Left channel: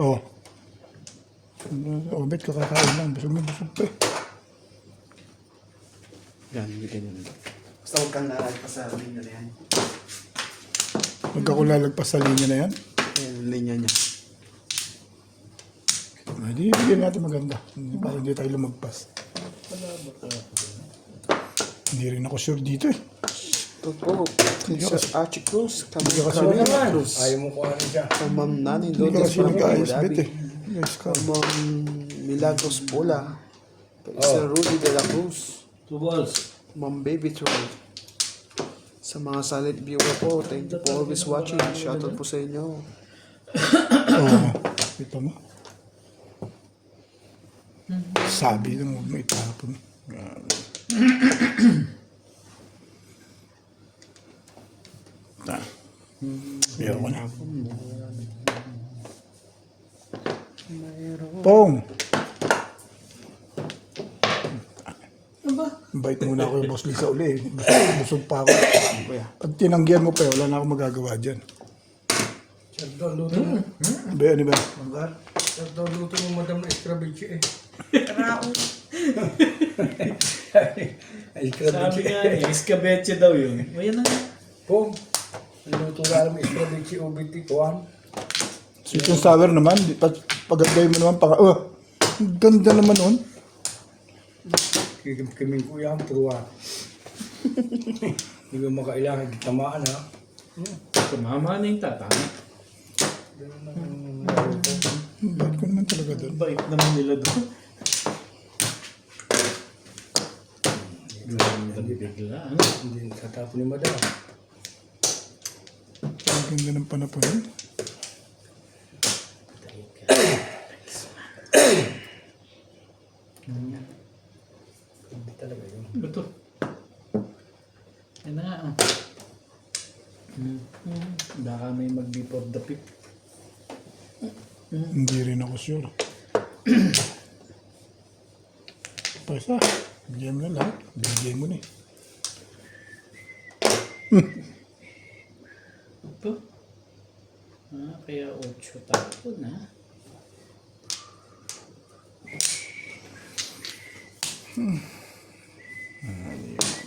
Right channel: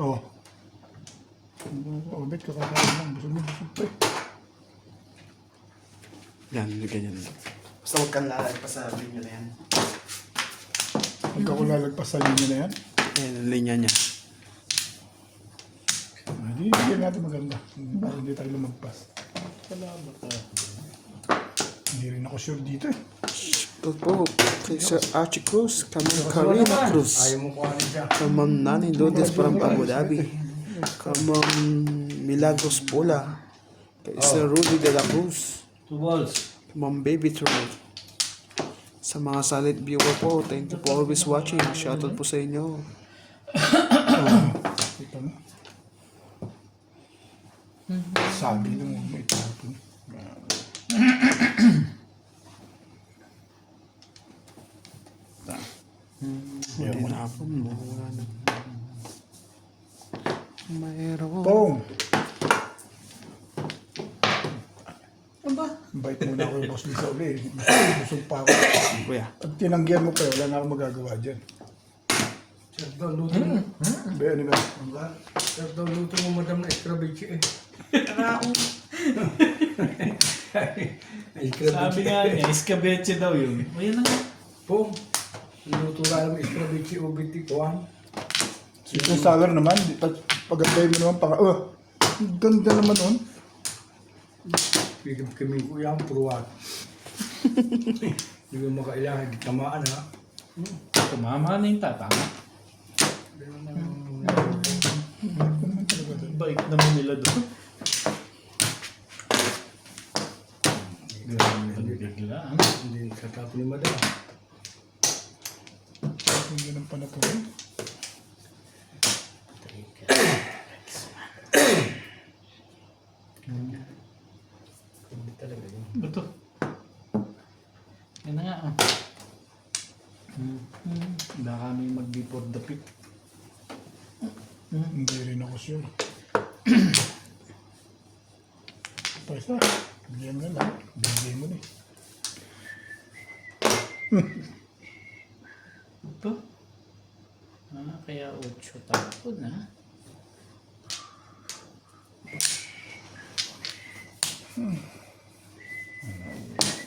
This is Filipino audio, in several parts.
Oo. Obet, kakakain lang. Busog na busog pa eh. Yan, ganyan. Basta huwag kang lalagpas sa linya na yan. Huwag ako lalagpas sa linya na yan. Yan ang linya niya. Hindi, bigyan natin maganda. Para hindi tayo lumagpas. Hindi rin ako sure dito eh. Opo, kay Sir Archie Cruz, kami Hindi ka Karina kasama. Cruz, Ayaw mo kuhanin siya. kamam Nani Lourdes from Abu Dhabi, Yes, kamam Milagros Pola, kay Sir Rudy de la Cruz, 2 balls. Ma'am Baby Troll. Sa mga silent viewer po, thank you for always watching. Shoutout po sa inyo. Ito mo. Sabi lang huwag mo itapon. Meron na. Mayroon. Pong! Ano ba? Bait muna ako yung Boss Lisa uli. Busog pa ako. Kuya. Pag tinanggihan mo pa, wala na akong magagawa dyan. Sir, daw luto mo. Ba, ano ba? Sir, daw luto mo madam na escrabeche eh. Karaong. Escrabeche. Sabi nga niya, escabeche daw yun. O yan na nga. Po, luto ka alam escrabeche ubiti kuhan. Sweet and sour naman. Pag-apply mo naman, ang ganda naman oh. Kiming ko yan, puruan. Hindi mo makailangan, di tamaan ha. Tumama na yung tatama. Bait ko naman talaga doon. Bait naman nila doon. Bigla. Hindi sa tapo ni madam. Ang ganda ng panapon. Hindi talaga yun. Ito. Yan na nga oh. Baka may mag-before the pick. Hindi rin ako sure. Pasa, bigyan mo na lang. Bigyan mo na eh. Ito. Kaya 8 tapon ha.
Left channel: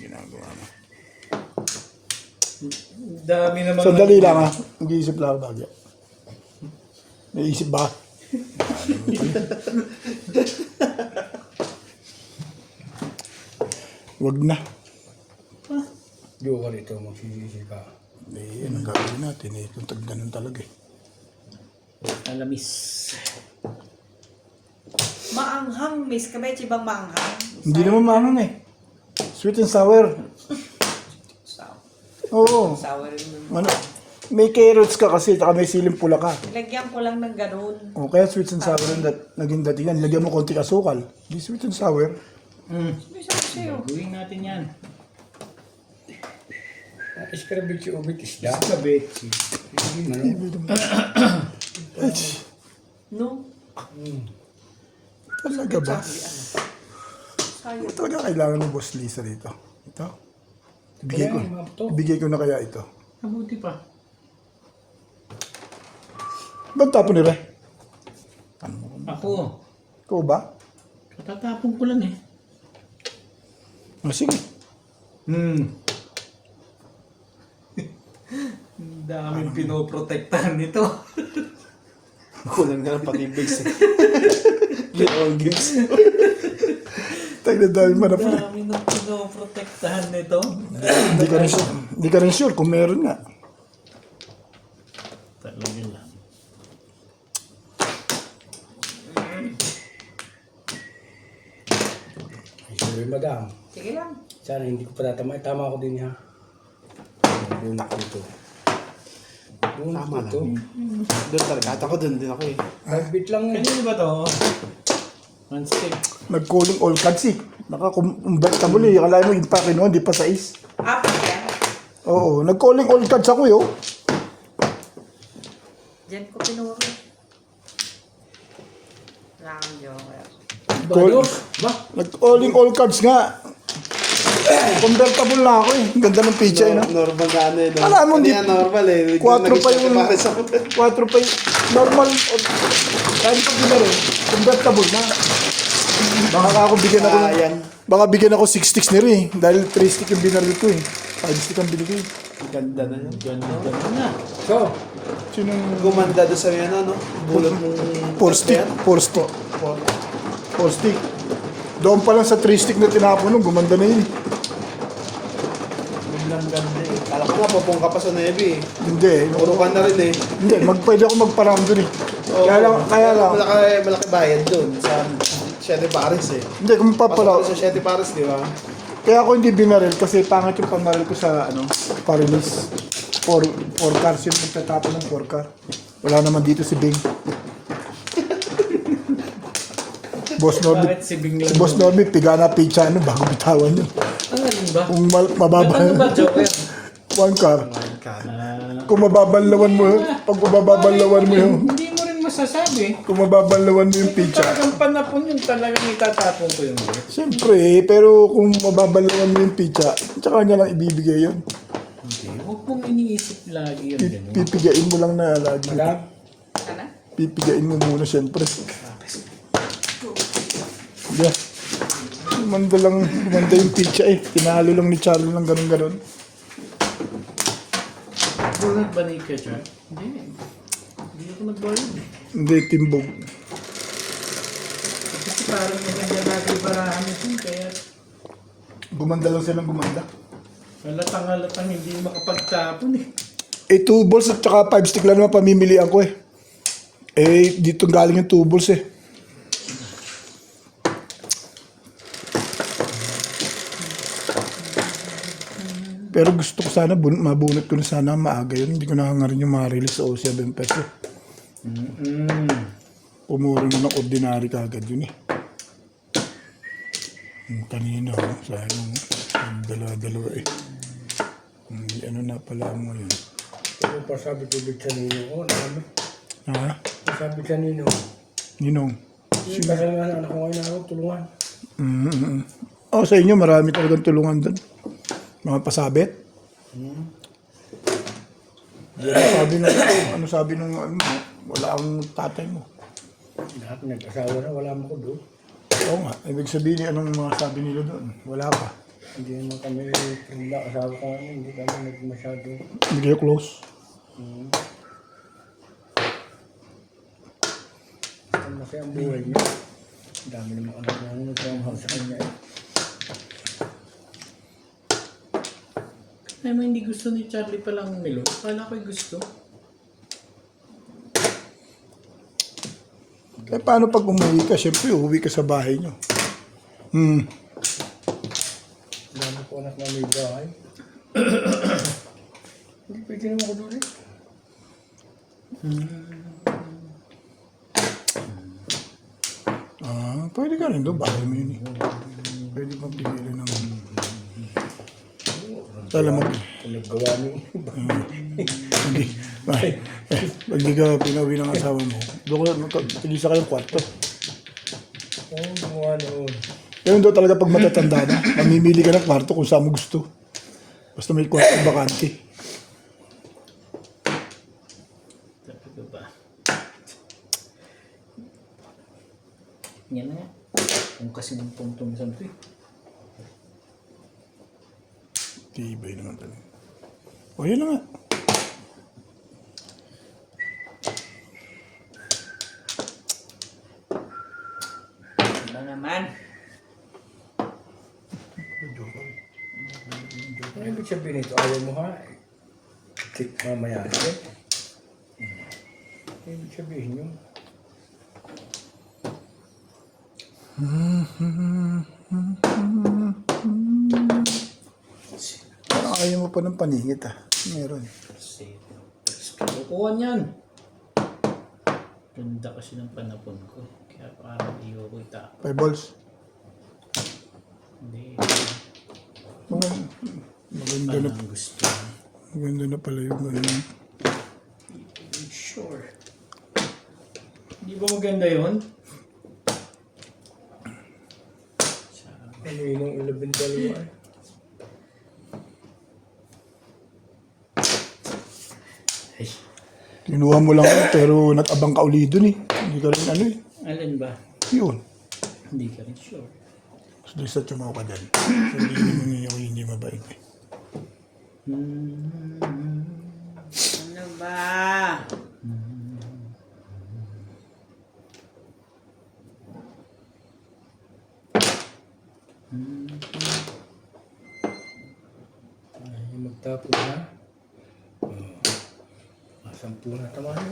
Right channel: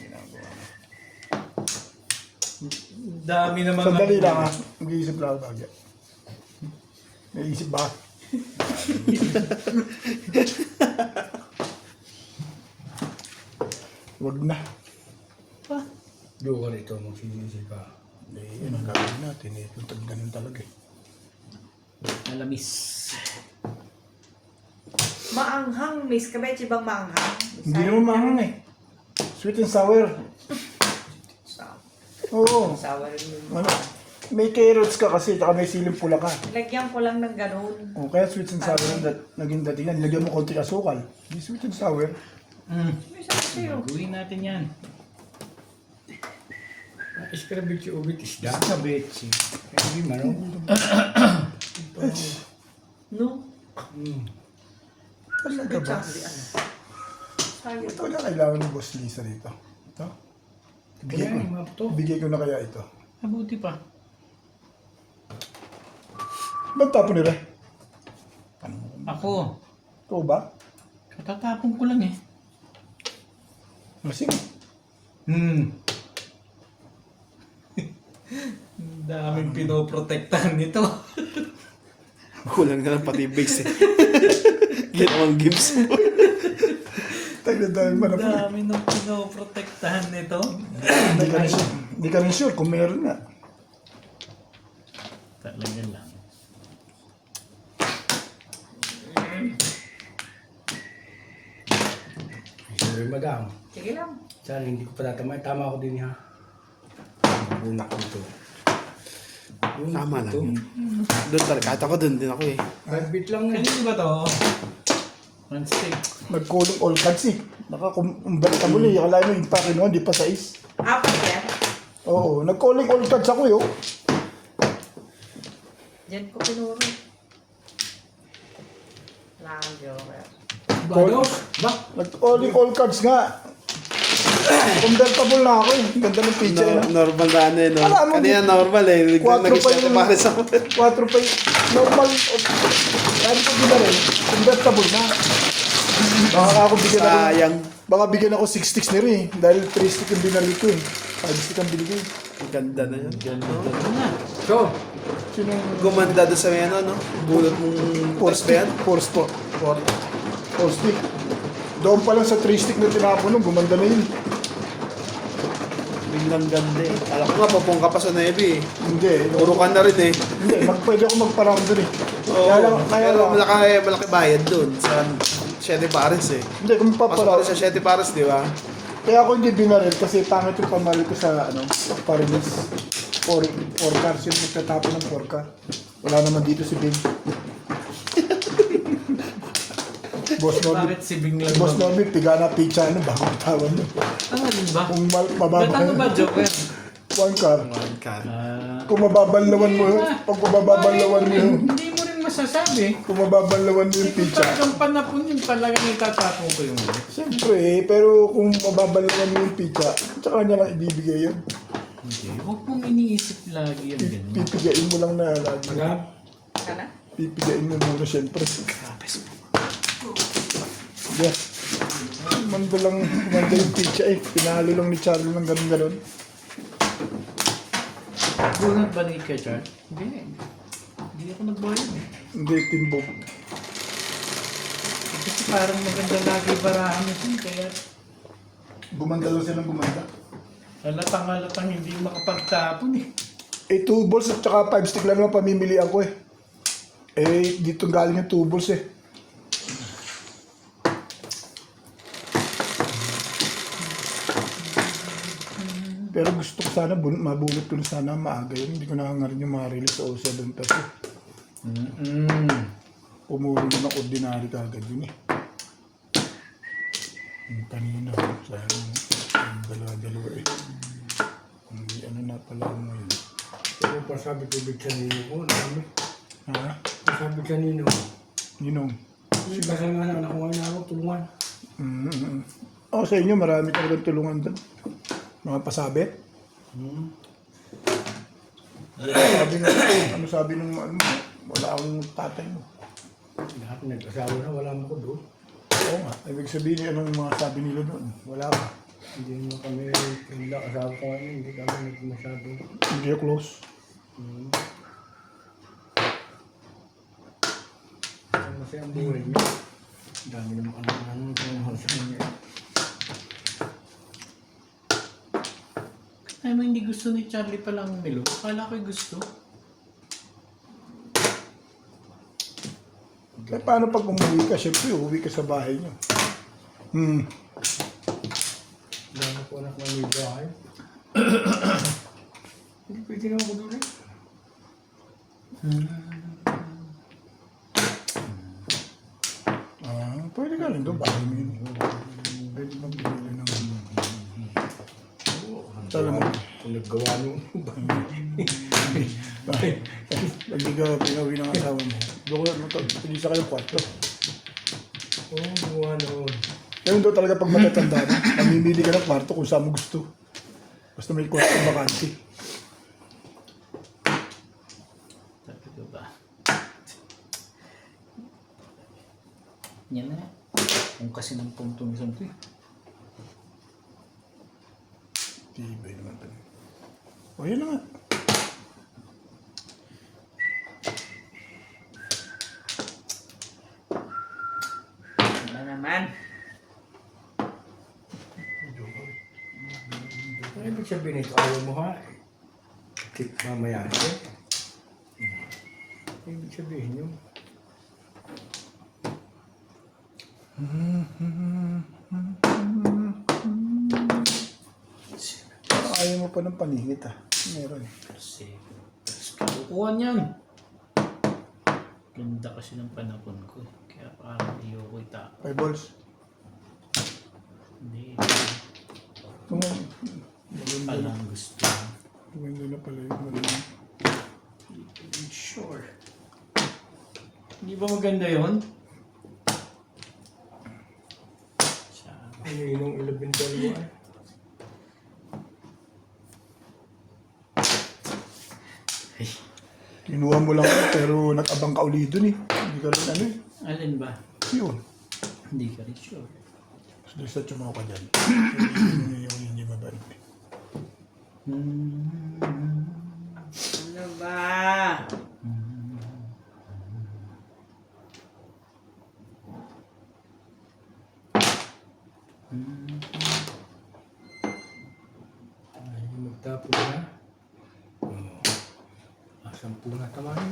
Ginagawa mo. Dami naman. Sandali lang ha. Mag-iisip lang ako bagay. Naisip ba? Wag na. Diyo ka rito, magsisisi ka. Eh, ang gagawin natin eh. Kung ganun talaga eh. Alamis. Maanghang. May escabeche bang maanghang? Hindi naman maangang eh. Sweet and sour. Oo. Sour yung Ano? May carrots ka kasi, taka may siling pula ka. Lagyan ko lang ng ganun. O kaya sweet and sour ang naging datingan. Lagyan mo konti asukal. Di sweet and sour. May sabi sa'yo. Gawin natin yan. Escrabeche ubit isda. Escabeche. Hindi man o. No? Talaga ba? Sayang. Ito na kailangan ng Boss Lisa dito. Ito. Ibigay ko. Kaya, mabuto. Ibigay ko na kaya ito. Mabuti pa. Ba't tapo nila? Ako. Ikaw ba? Tatapon ko lang eh. O sige. Ang daming pinoprotektahan nito. Kulang na lang pati base eh. Ginawang games. Tayo dahil Ang manapin. dami ng pinoprotektahan nito. Hindi ka rin sure kung meron nga. Talaga lang. Ay, sorry madam. Sige lang. Sana hindi ko pa tatama. Tama ako din ha. Bunak dito. Bunak Tama ito. Doon talaga. At ako doon din ako eh. Private lang eh. Kanino ba to? One stick. Nag-calling all cards eh. Nakakumbalik ka muli. Akala mo yung pake noon, di pa sais. Apo yan. Oo, nag-calling all cards ako yun. Diyan ko pinuro. Wala kang joker. Bado? Ba? Nag-calling all cards nga. Convertible na ako eh. Ganda ng picture eh. no? Normal na ano eh. No? Alam mo, Kanina normal eh. Quattro pa Nag-isip yun. para sa 4 pa yun. Normal. Kahit ko binarin, convertible na. Baka ako bigyan ako, Sayang. baka bigyan ako 6 sticks ni Ray. Dahil 3 stick yung binari ko eh. 5 stick ang binigay. Ang ganda na yan. Ganda na. So, Sinong Gumanda doon sa may ano, no? Bulot ng 4 stick? 4 stick. 4 stick. Doon pa lang sa 3 stick na tinapon nung, gumanda na yun. Biglang ganda eh. Alam ko nga, papong ka pa sa Navy eh. Hindi. Puro ka na rin eh. Hindi, pwede ako magparang dun eh. Kaya lang, Malaki bayad doon sa Siete Pares eh. hindi, kung Pasok papara. ko sa Siete Pares, di ba? Kaya ako hindi binaril kasi pangit yung pamaril ko sa parilis. 4 cars yun, nagtatapon ng 4 car. Wala naman dito si Bing. Boss Norby. Bakit si Bing lang? Si Boss Norby, piga na pizza bago bitawan yun. Ano rin ba? Kung Ba't ano ba, mababa, Joker? 1 car. Ah, Kung mababanlawan mo yun, pag mababanlawan mo yun, hindi mo rin masasabi. kung mababanlawan mo yung Kung pizza. talagang panapon yun, talagang itatapon ko yung ulit. Siyempre, pero kung mababanlawan mo yung pizza, tsaka niya lang ibibigay yun. Hindi. Huwag mong iniisip lagi yun. Ganun. Pipigain mo lang na lagi. madam, Ano? Pipigain mo muna siyempre. Yeah. Gumanda yung pizza eh. Pinalo lang ni Charlie ng ganun-ganun. Bunod ba ni ka, Char? Hindi. Hindi ako nag-bunod eh. Hindi, timbog. Kasi parang maganda lagi barahan ito. Kaya Gumanda lang siya ng gumanda. halatang hindi makapagtapon eh. Eh, 2 balls at saka 5 stick lang naman pamimilian ko eh. Eh, dito galing yung 2 balls eh. Pero gusto ko sana, mabunot ko na sana maaga yun. Hindi ko nakangarin yung ma-release sa 07 peso. Pumuro yun ng ordinary kagad yun eh. Yung kanina, sayang dalawa-dalawa eh. Ano na pala mo yun. ano pa sabi ko bit sa nino ko, namin. Ha? Sabi sa nino, Ninong? yung kasal nga na anak ko ngayon ako, tulungan. Mm-hmm. Oh, sa inyo marami talagang tulungan doon. Mga pasabit. Sabi nung, ano sabi nung, wala akong tatay mo. Lahat nag-asawa na, wala mo ko doon. Oo nga, ibig sabihin anong mga sabi nila doon? Wala pa. Hindi naman kami, pagla asawa ko ngayon, hindi kami nagmasyado. Hindi kayo close. Masaya ang buhay niya. Ang dami naman anak na nagmamahal sa kanya eh. Ay, hindi gusto ni Charlie palang Milo. Akala ko'y gusto. Eh paano pag umuwi ka? Siyempre, uuwi ka sa bahay nyo. Ang dami ko anak na may bahay. Hindi pwede naman ako doon eh. Pwede ka rin doon, bahay mo yun eh. Pwede mo piliin ng... Alam mo, Kung naggawa mo, pag di ka pinauwi ng asawa mo, doon ka, tigisa ka ng kwarto. oo, gumawa noon. Ngayon daw talaga pag matatanda na, mamimili ka ng kwarto kung saan mo gusto. Basta may kwarto bakante. Sabi ko ba? Yan na. Kung kasi ng punto ni Santo eh. Tibay naman talaga. O yun na nga. Ano naman? Ano ibig sabihin ito? Ayaw mo ha? Tik mamaya eh. Ano ibig sabihin yun? Ayaw mo pa ng paningit ah. Meron. Kasi, kukuha niyan. Ganda kasi ng panapon ko eh. Kaya parang ayoko itapon. 5 balls. Hindi. Oo. Maganda na, Anong gusto? maganda na pala yung ano. Sure. Hindi ba maganda yun? Ano yun ang 11-12 eh? Ay, Kinuha mo lang ako, pero nag-abang ka uli dun eh. Hindi ka rin ano eh. Alin ba? Yun. Hindi ka rin sure. So, di sa tumaw ka dyan. Sabihin mo yung hindi mabait eh. Ano ba? Ay, yung magtapon na. Sampu na tama niyo.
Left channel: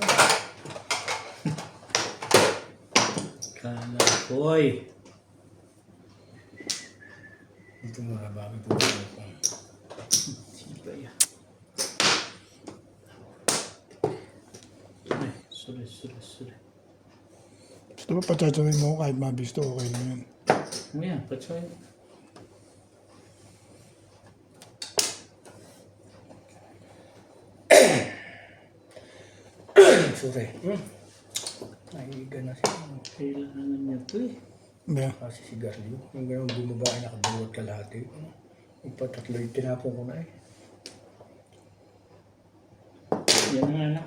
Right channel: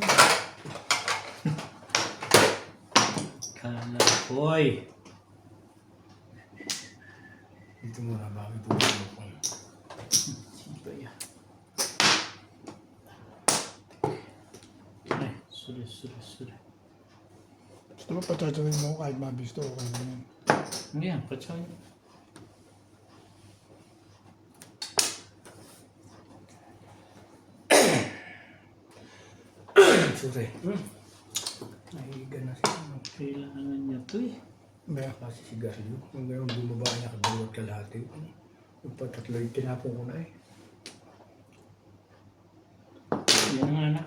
Kala boy. Dito muna bago po ako. Sino yan? Ay, sorry. Gusto ba patatuloy mo kahit mabisto, okay lang yun. Ayan, patsoy. Sorry. Nahihiga na siya. Kailangan niya to eh. Hindi. Kasi sigarilyo. Yung gano'n bumaba ay nakaduwat kalahati. Yung patatlo yung tinapon ko na eh. Yan nga na.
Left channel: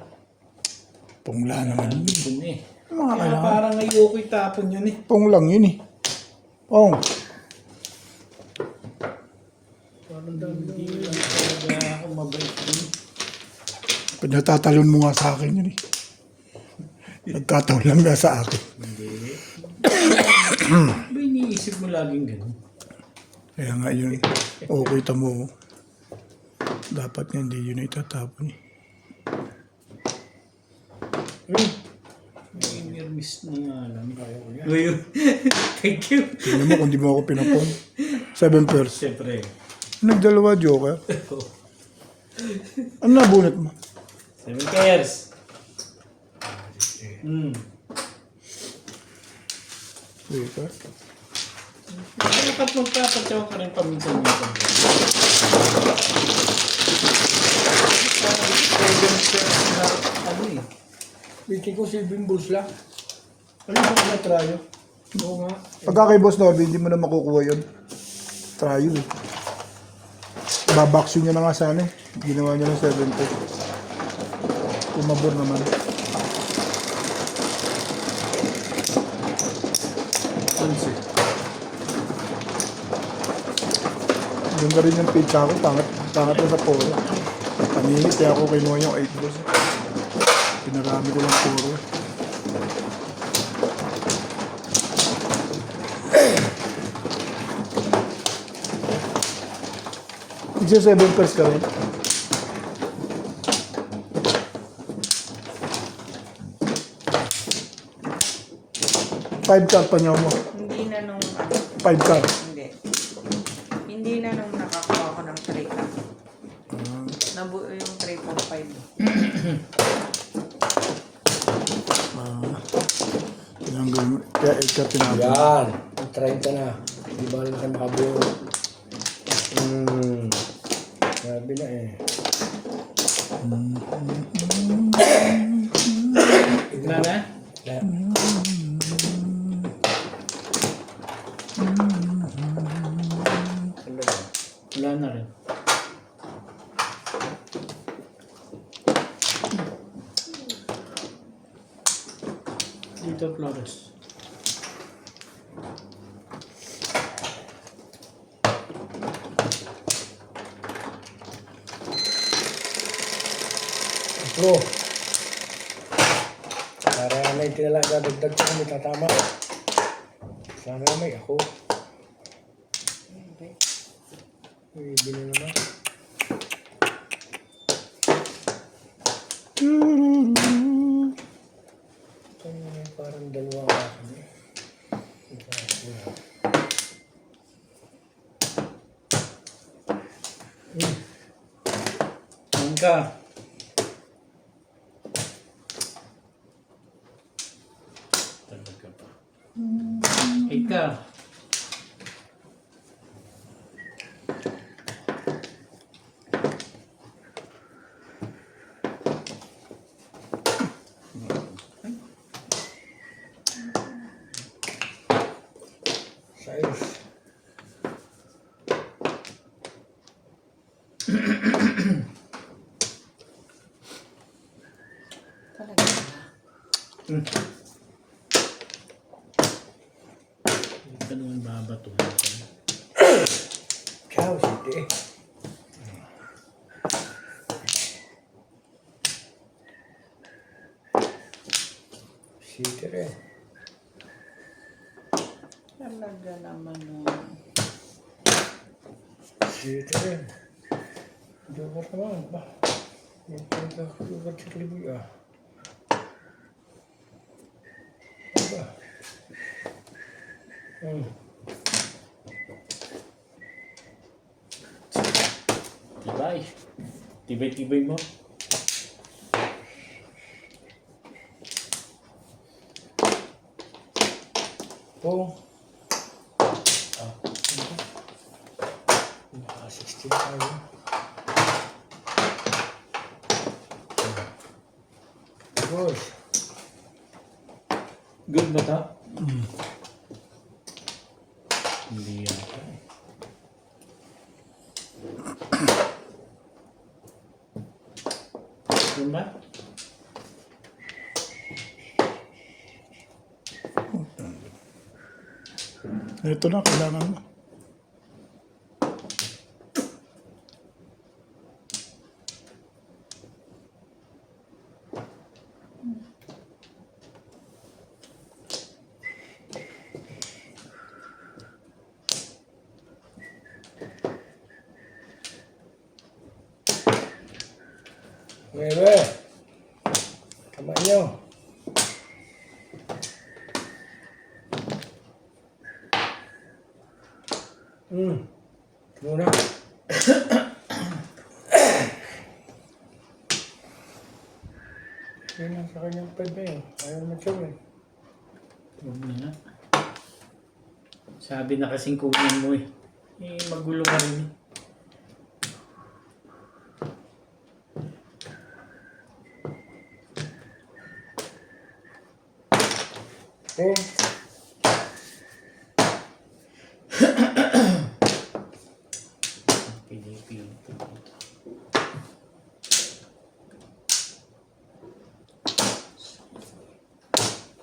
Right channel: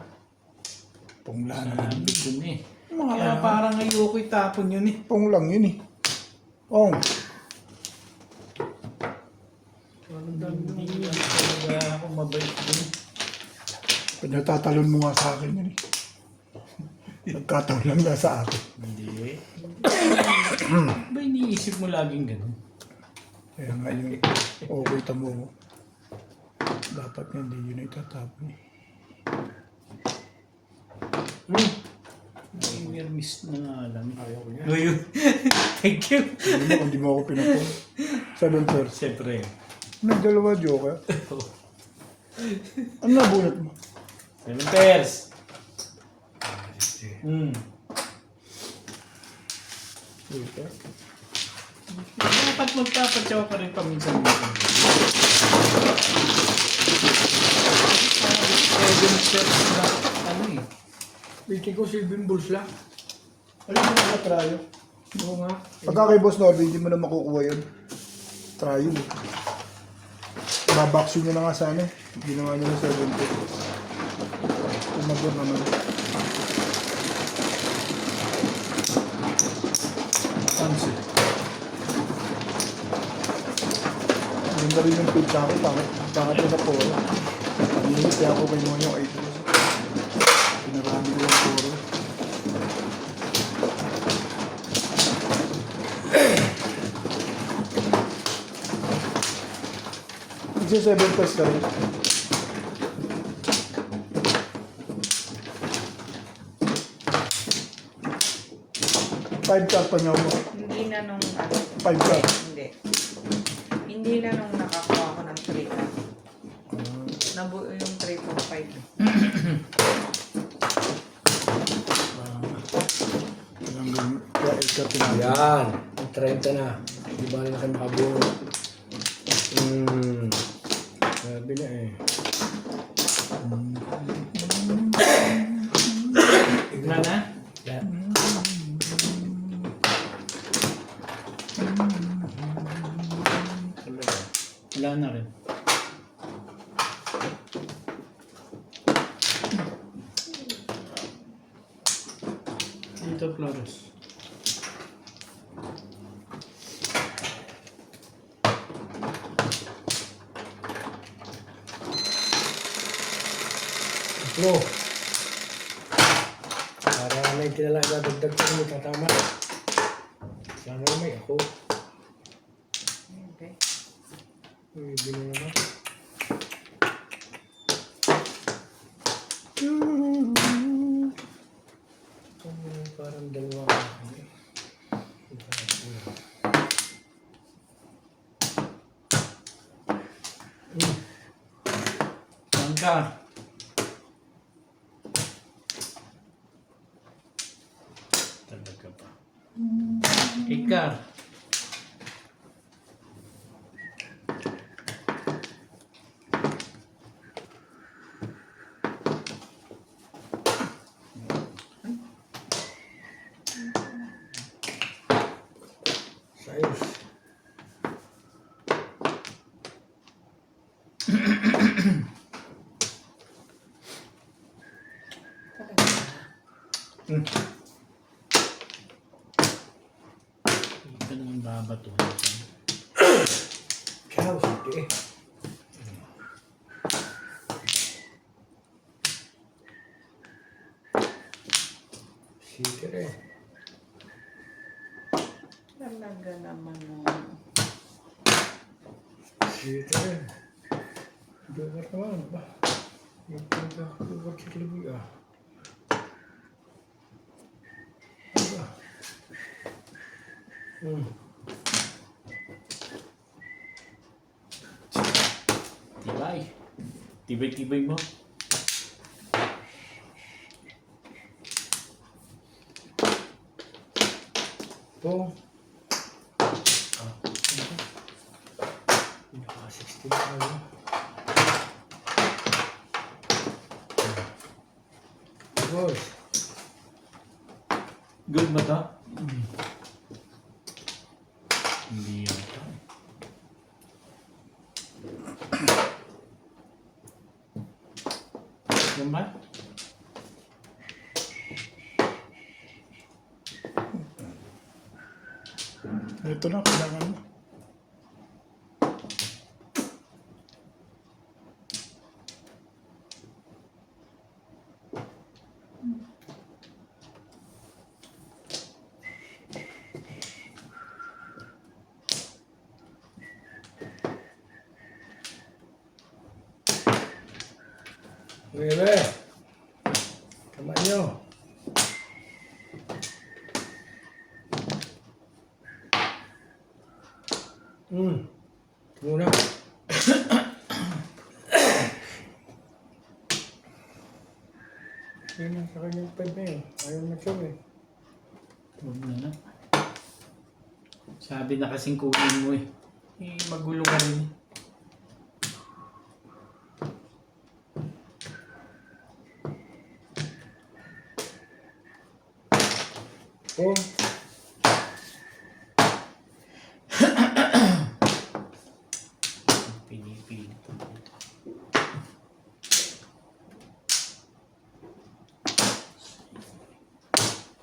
Pungla naman. Gusto niya eh. Mga Kaya kailangan. parang ayoko itapon yun eh. Pung lang yun eh. Pong. Parang dami nung Hindi lang talaga ako mabait yun. Pinatatalon mo nga sa akin yun eh. Nagkataon lang na sa akin. Hindi. Ba iniisip mo laging ganun? Kaya nga yun. Okay, tamo. Dapat nga hindi yun itatapon eh. May nermis na nga lang. ayaw ko niya. Ngayon, thank you. Tignan mo kung di mo ako pinapong. 7 pairs. Siyempre. Nagdalawa, joker. Ano nabunot mo? 7 pairs. Dito. Dapat magpapatsaw ka rin paminsan-minsan. Pwede na ano eh. Bitin ko si Bimbles lang. Ayun mo na trayo. Oo nga. Pagka kay Boss Norby, hindi mo na makukuha yun. Trayo eh. Babaksin nyo na nga sana eh. Ginawa nyo ng 7 pairs. Tumabor naman. Ansi. Ganda rin yung pizza ko. Pangat ko sa puro. Paninis kaya ako kinuha yung 8 boss. Pinarami ko yung puro. Isa 7 pairs ka rin. Five cup pa niyo mo. Hindi na nung 5 cup. Hindi. Hindi na nung nakakuha ko ng 3 cup. Nabuo yung 3.5. Kaya 8 cup yun. Yan. 30 na. Di ba rin na kayo makabuo? Sabi na eh. Wala na? La. Wala na rin. Dito Flores. Bro. Para may tinala dadagdag ko kung may tatama. Sana may ako. Okay. May bino naman. Parang dalawa ka kami. Angka. Talaga pa. Ika. Sayos. Hindi ka naman babato. Ciao, hindi. Sige rin. Talaga naman Sige rin. Dugat naman ba? Yung pagkakugat sa kaliboy ah. Ano ba? Tibay. Tibay-tibay mo. Ito. Ah. Naka-16 tayo. Boss. Good ba to? Hindi yan ito. Yung ba? Ito na, kailangan mo. Bebe. Kamay nyo. Ito muna. Yan ang sa kanyang pad na yun. Ayaw na siya eh. Huwag na nga. Sabi na kasing kunin mo eh. Eh, magulo ka rin. Oh. Pinipilit ko dito.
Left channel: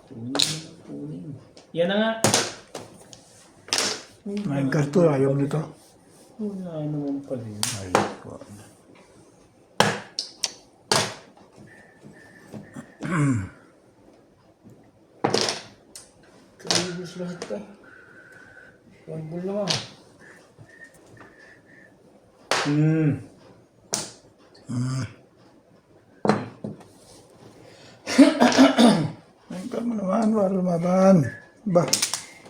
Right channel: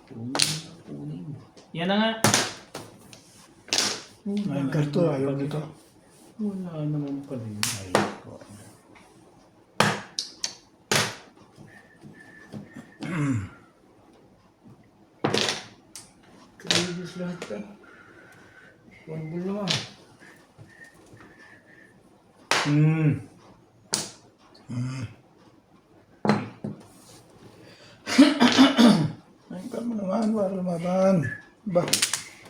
Kunin. Yan na nga. Ngayon karto, ayaw nito. Wala naman pala yun. Ayaw ko. Kalibos lahat ka. One ball naman. Ngayon ka mo naman, wala lumaban. Ba,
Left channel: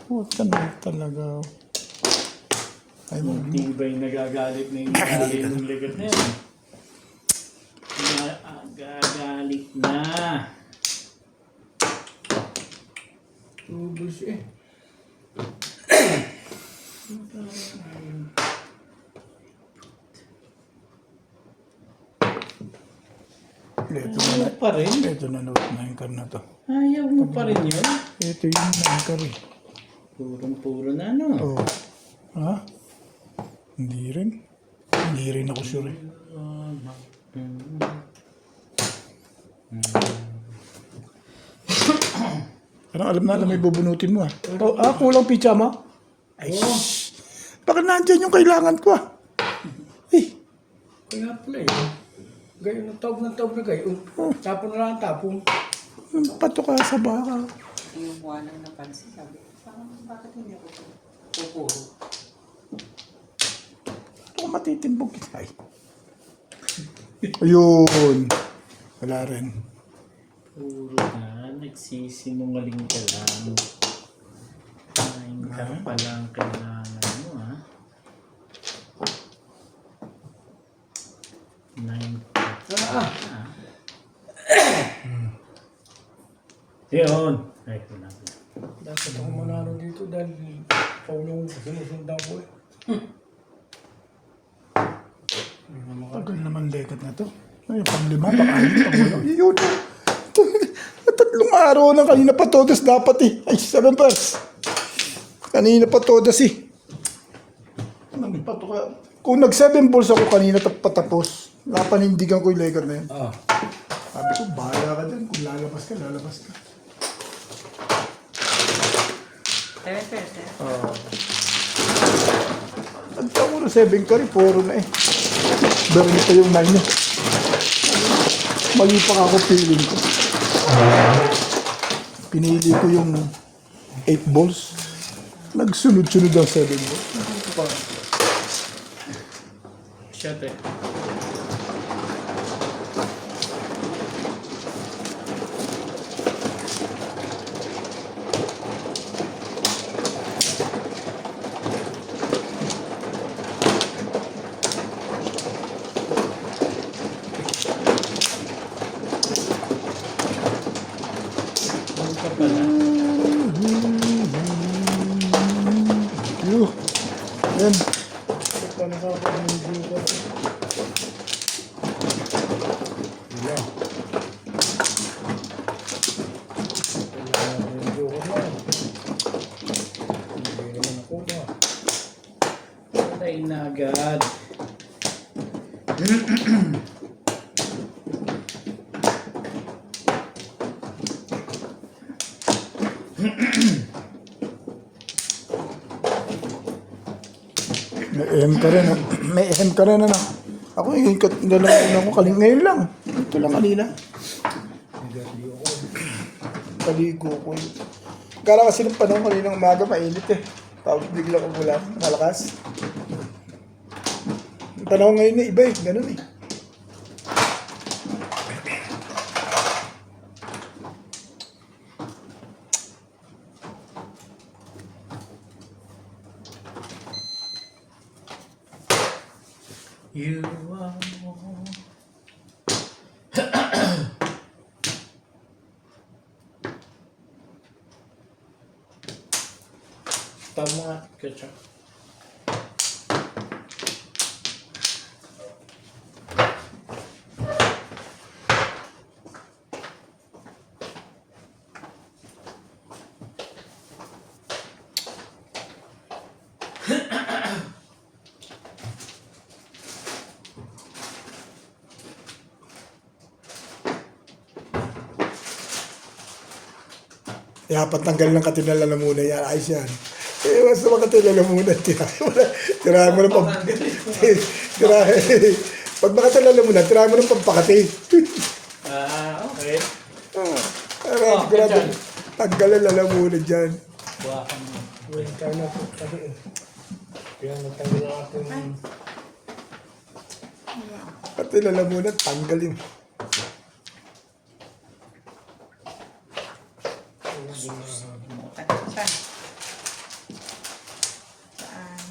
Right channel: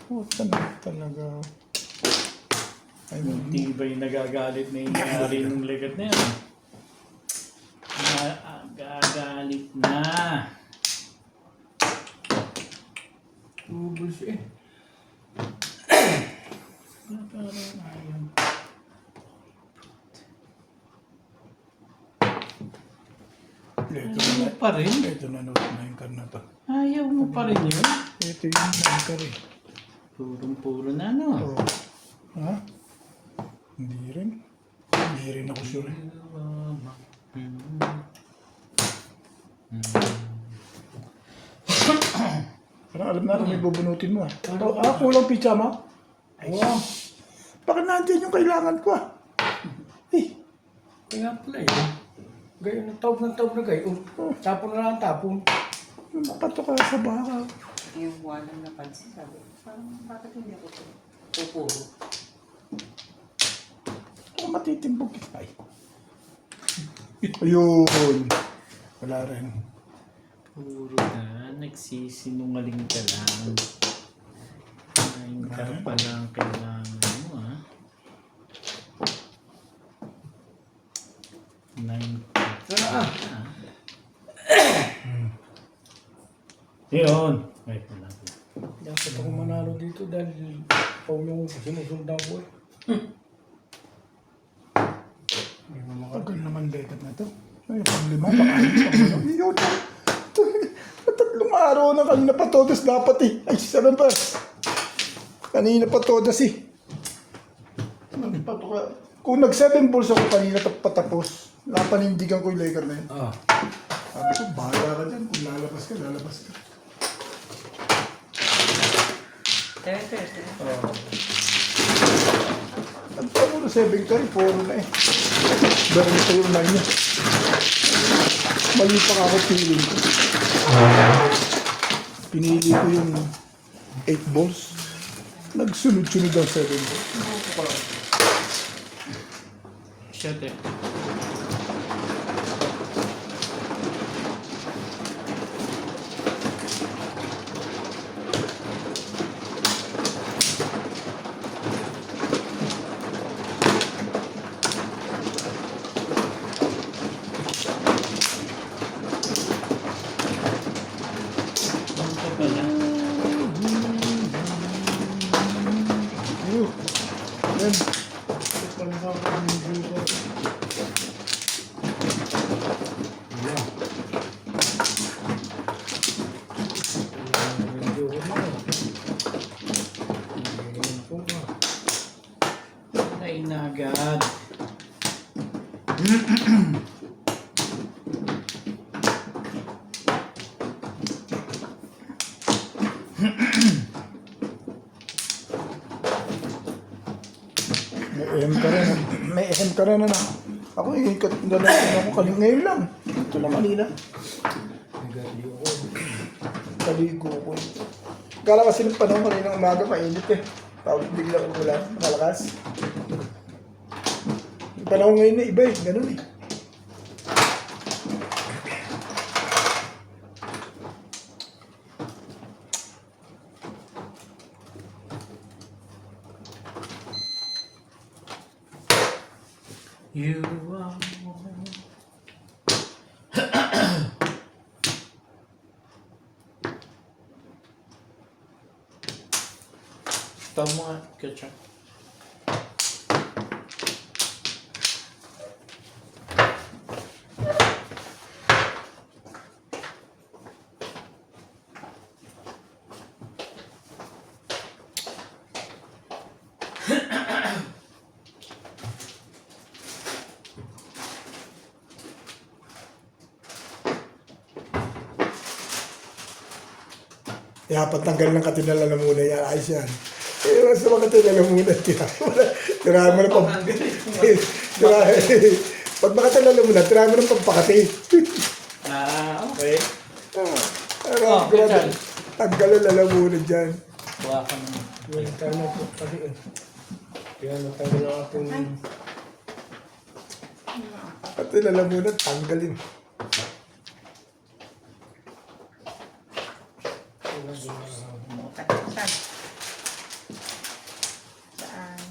huwag ka na talaga. Ay, Tibay nagagalit na yung nagagalit ng legat na yan. Nagagalit na. Two balls eh. ito Ayaw mo pa rin. ito na note na yung karna to. Ayaw mo pa rin yun. Ito yung anchor eh. Purong-puro na no. Oh. Ha? Hindi rin. Hindi rin ako sure eh. Parang alam natin may bubunutin mo ah. Kulang pizza mo? Ay, bakit nandyan yung kailangan ko ah? Eh, Kaya pala eh. Gayon ng taob na gayon. Tapon na lang ang tapon. pato ka sa baka. yung walang napansin. Sabi, parang bakit hindi ako pupuro? Ito matitimbog kita eh. Ayun. Wala rin. Puro na. Nagsisinungaling ka lang. Kain ka pa lang kailangan mo ha. 9. Yun. Ay, wala ko. Dapat ako manalo dito dahil Paulong sinusundan ko eh. Hindi mo Tagal naman legat na to. Ay, pang lima pa kayo. Yun. Tatlong araw na kanina pa todas dapat eh. Ay, 7 pas. Kanina pa todas eh. Pato ka. Kung nag-7 balls ako kanina patapos, napanindigan ko yung legat na yun. Ah. Sabi ko, bahala ka dyan. Kung lalabas ka, lalabas ka. 7 pairs eh. Ang puro 7 ka rin, puro na eh. Dami na pa yung 9 niya. Mali pa ako feeling ko. Pinili ko yung 8 balls. Nagsunod-sunod ang 7 balls. Siyete. Ano ka pala? Yan. Patay na agad. May M ka rin. May M ka rin ano. Ako ikot gano'n ako kaling ngayon lang. Ito lang kanina. Kaligo ko. Kala kasi ng panahon kanina umaga mainit eh. Tapos bigla ko wala. Malakas. Yung panahon ngayon na iba eh. Ganun eh. You are Stop mo nga, ketchup. Kaya patanggal ng katinala na muna yan. Ayos yan. Eh, basta makatinala muna. Tirahan mo ng Pag makatinala muna, tirahan mo ng pampakati. Okay. Grabe. Tanggalan lang muna dyan. Hawakan mo. Wala tayo na po kasi eh. Kaya natanggal ang ating Katinala muna, tanggalin. Mukat siya. Saan?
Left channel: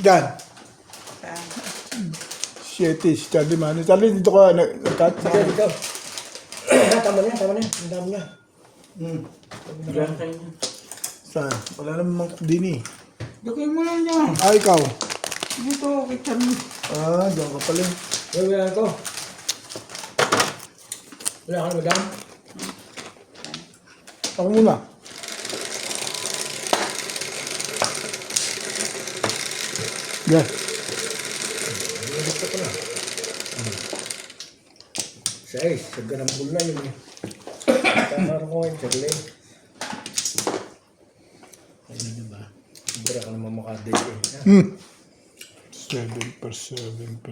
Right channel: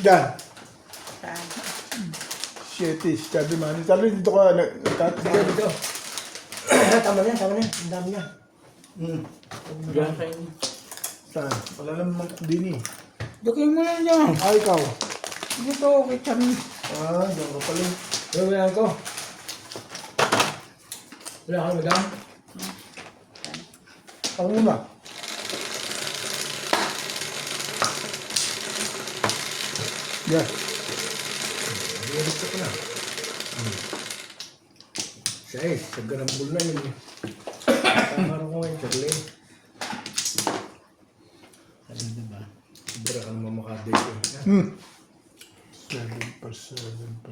Dyan. Saan? Shit, si Charlie man. Charlie, dito ka. Sige, dito. Tama na, tama na. Ang dami niya. Diyan kayo. Saan? Wala naman din eh. Jokin mo lang dyan. Ah, ikaw. Dito, kay Chami. Ah, dyan ka pala. Wala ko. Wala ka na, madam? Ako muna. Yan. Dito ko na. Sais, sa ganambul na yun eh. Kakaroon ko ngayon, Charlie. Ano na ba? Sobra ka naman makadate eh. 7%.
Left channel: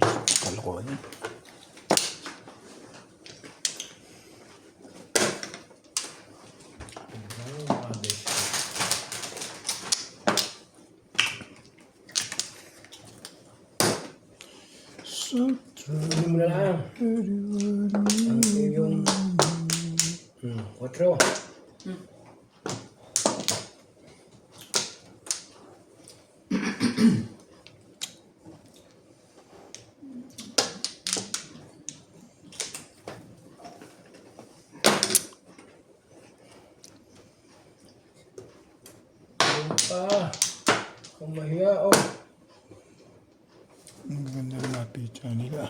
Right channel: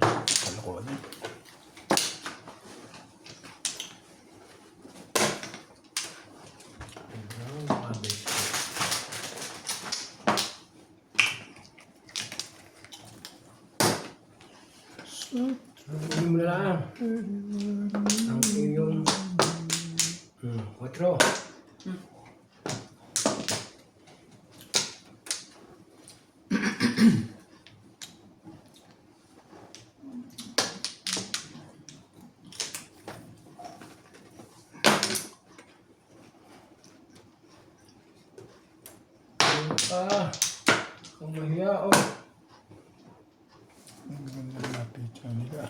Kalokohan eh. Makadate. Hindi mo na lang. Ang iyong 4. Ang mahiya oh. Ang ganda ng mga pizza nila.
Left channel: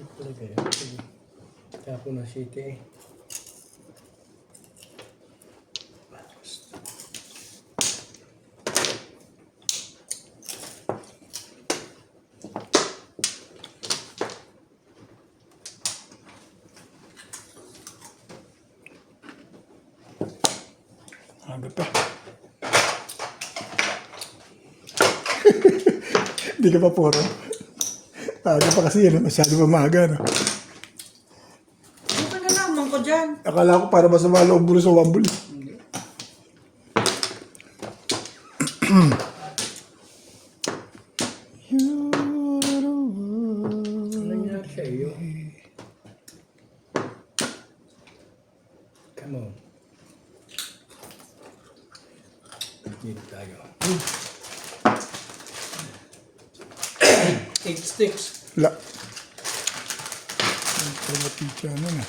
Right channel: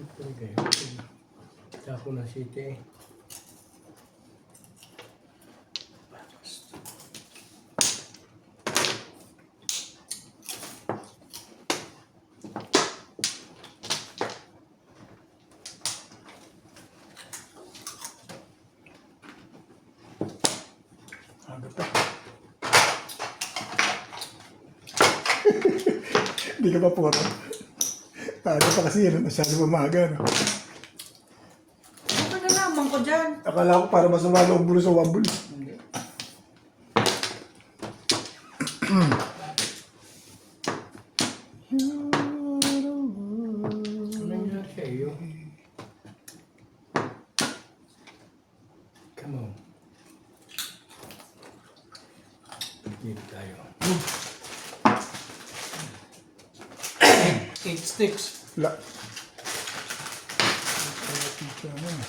Ito na kayo. Tapo na city eh. Aga pa. Hindi ka pa puro. Aga pa kasi yan. Masyado pa maaga. No? Ano nalaman ko dyan? Akala ko para masama loob mo sa wambul. Hindi. Ano nangyari sa iyo? Come on. Dito tayo. 8 sticks. La. Ito na pizza na.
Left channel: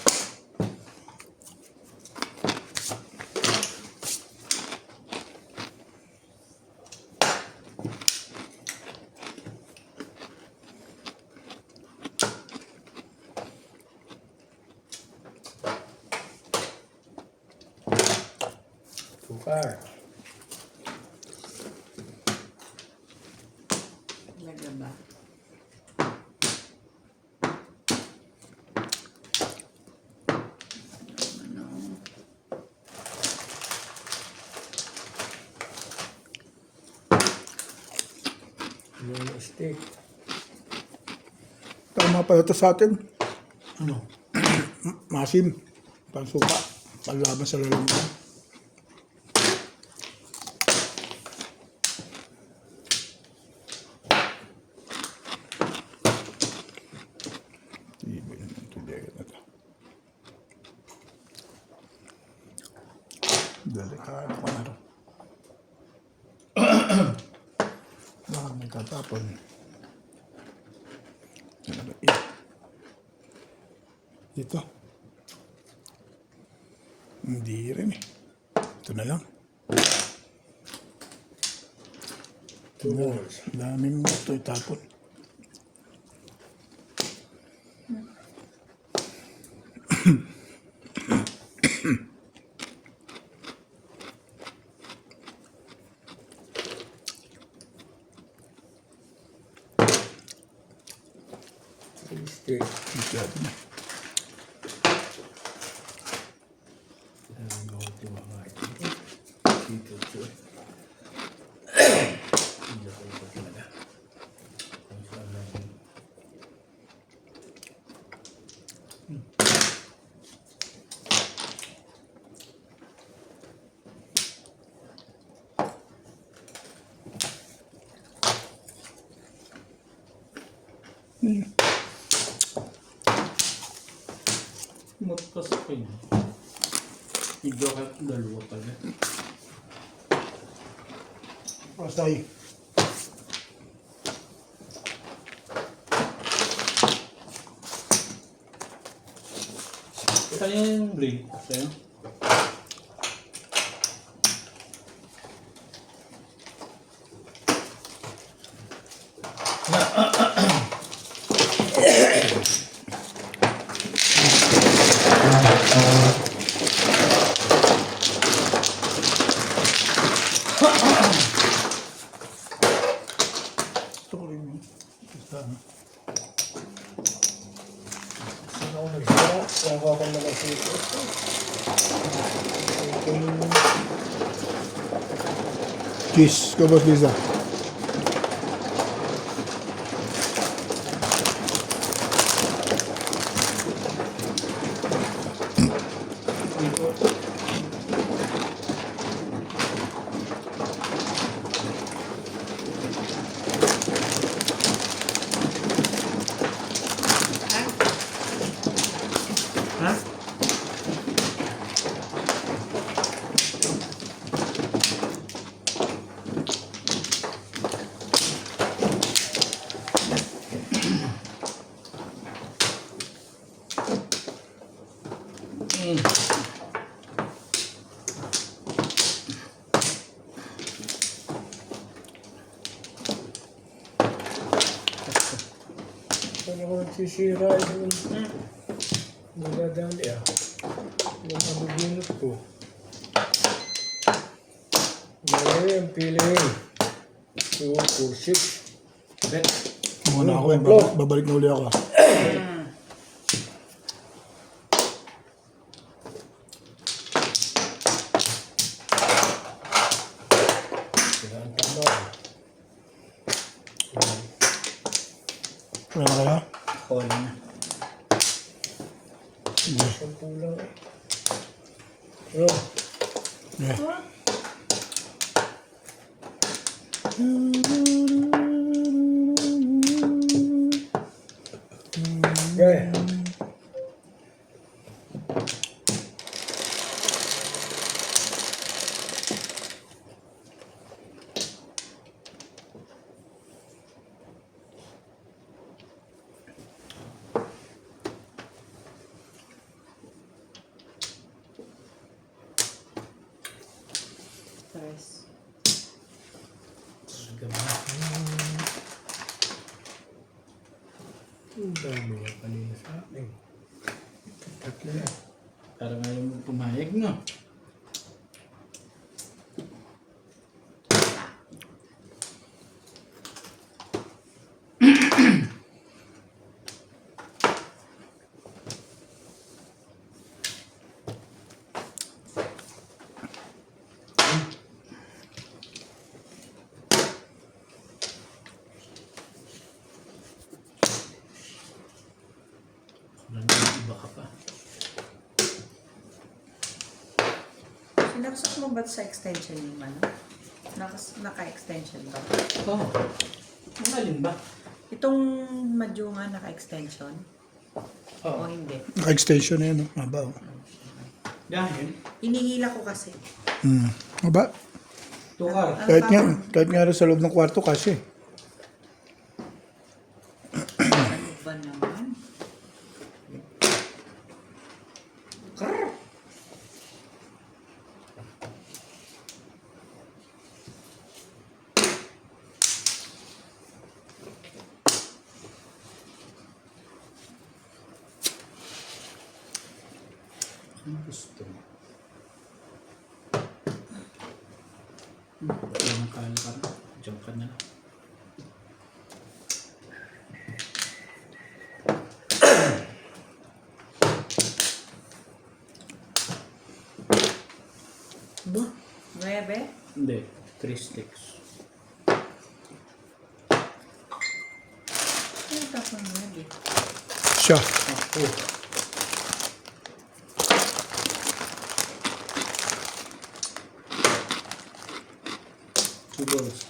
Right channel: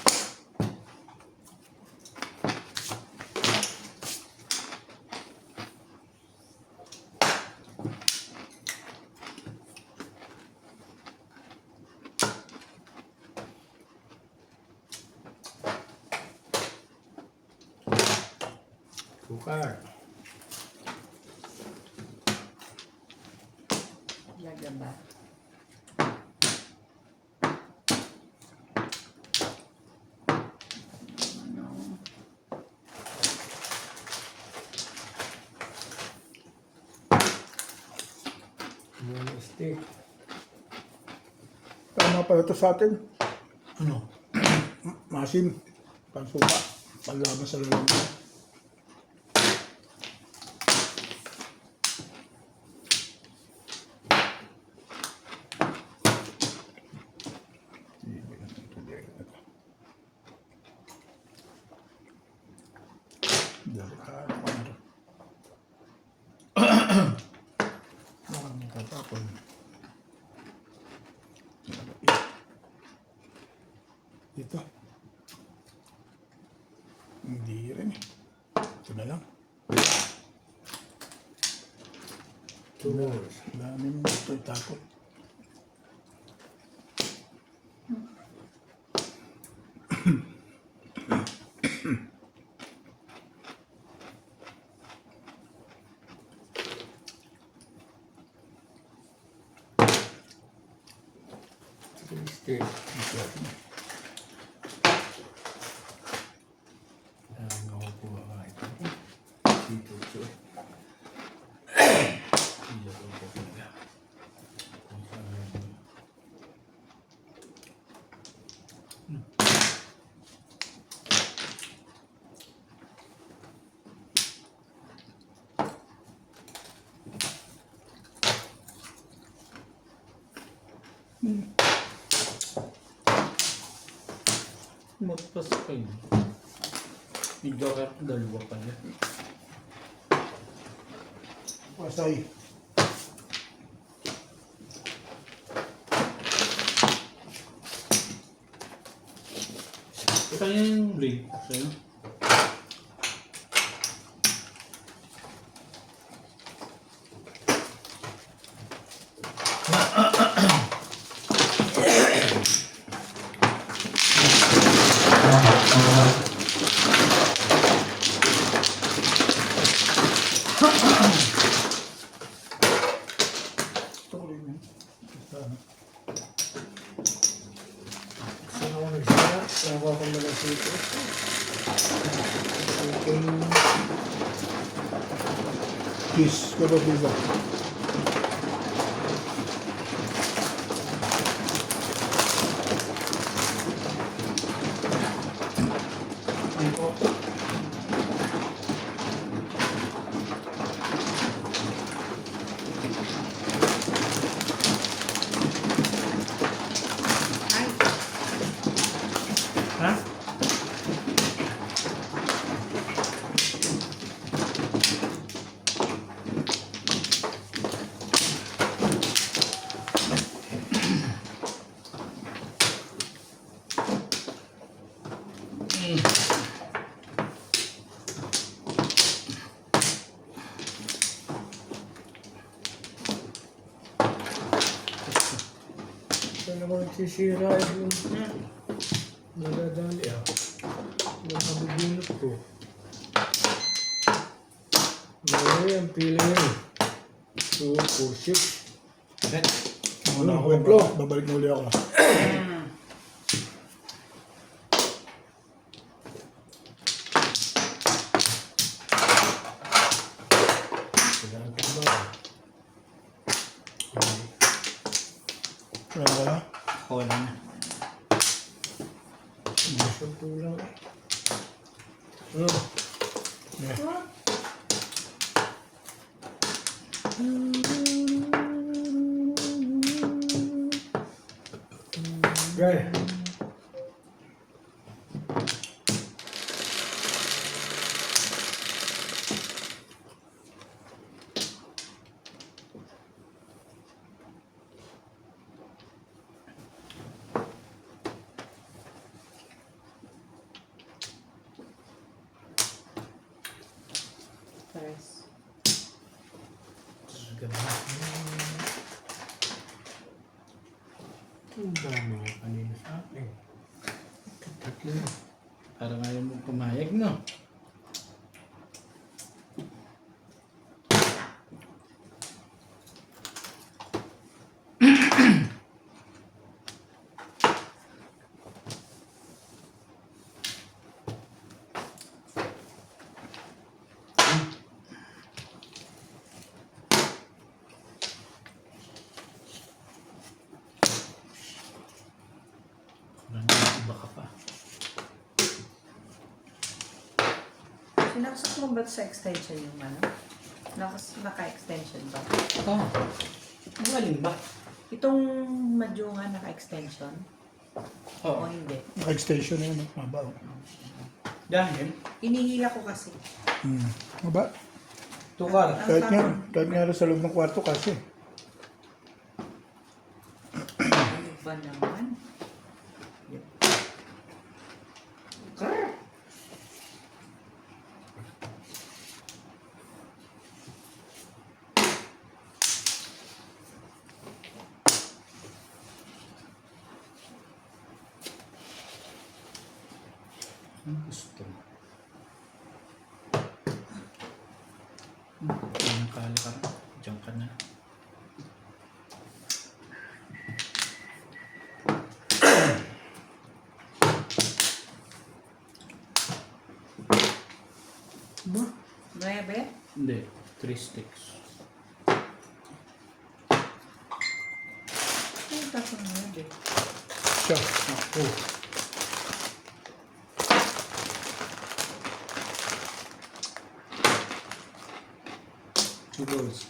Sukar. Lagyan ba? Ano? Yung stick. Tama pala ito sa atin. Ano? Masim. Pansuka. Panlaban sa lalaki. Delikado. Maraming katapon. Ito. Hindi rin eh. Ito na lang. Tools. Daming ito itapon. Stick. Ang ako mga ito. Dito ito. Hindi ako ito talaga. Kung saan lang yun. Matpas pa yun. Medyo kaya dalawa pala. Pasay. Kaya yung blade sa'yo. Sorry man. Saan ako nagsira? Saan ako nagsira? Kiss. Kabos Lisa. Ha? Saan ako nagsisira yung nadadali ah. Yung mabubunot ko. Mali ang piling. 2, 4, 6. Muna ako. Waplo. Babalik na uli ako. Oh, Yeah. What? okay. Yes. Ang dami nga kanina sa akin. Tatlo na. Parang ayaw mo pumayag, no? Iba ka pa. Sinaksak mo ba sa extension yung ano? Naka-extension ba? Oh. Ang alin ba? Itong madyungan naka-extension? O Oo. hindi? Naka-extension na yan. Maba. Dahil, Inihila ko kasi. Maba. tukar. Kahit nga rin sa loob ng kwarto kasi. Ano ba naman? Ang gusto mo? Ang pala ka na. Diyan ka na. Ba? 9? Hindi. 3 sticks. Ano ba kung 9? Siya. Ako. Two balls.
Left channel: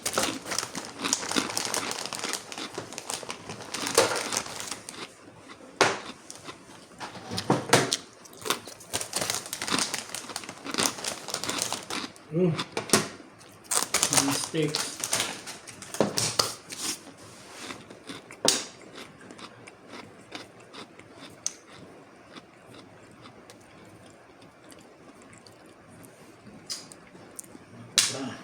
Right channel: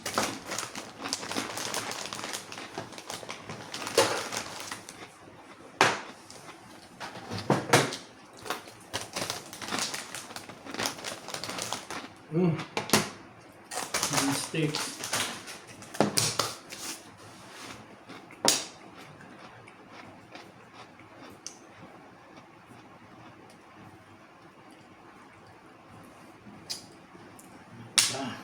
Hmm. 3 sticks. Ah.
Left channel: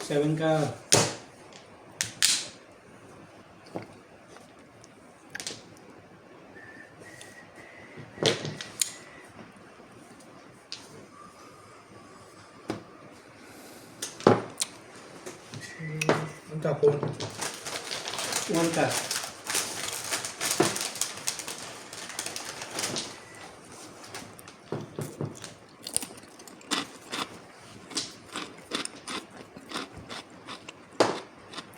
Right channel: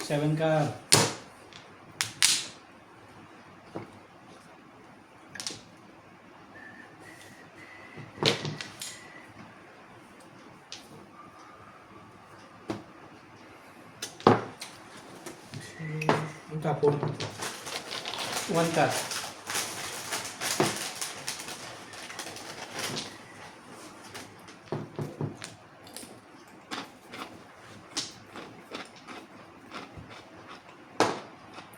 7 card. Ang tapon. 1 card.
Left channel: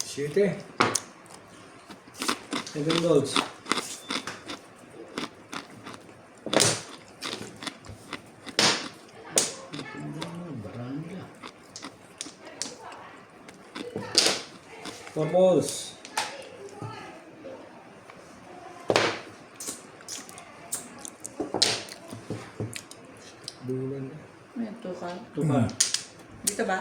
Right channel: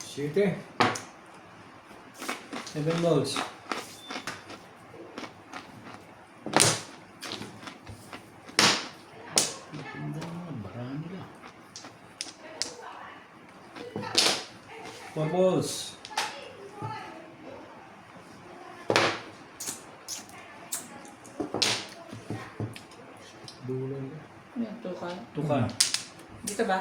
Siyete. 7 balls. Barang nila. 4 balls. Bulan. Ito ka. 2 card. Dito ba?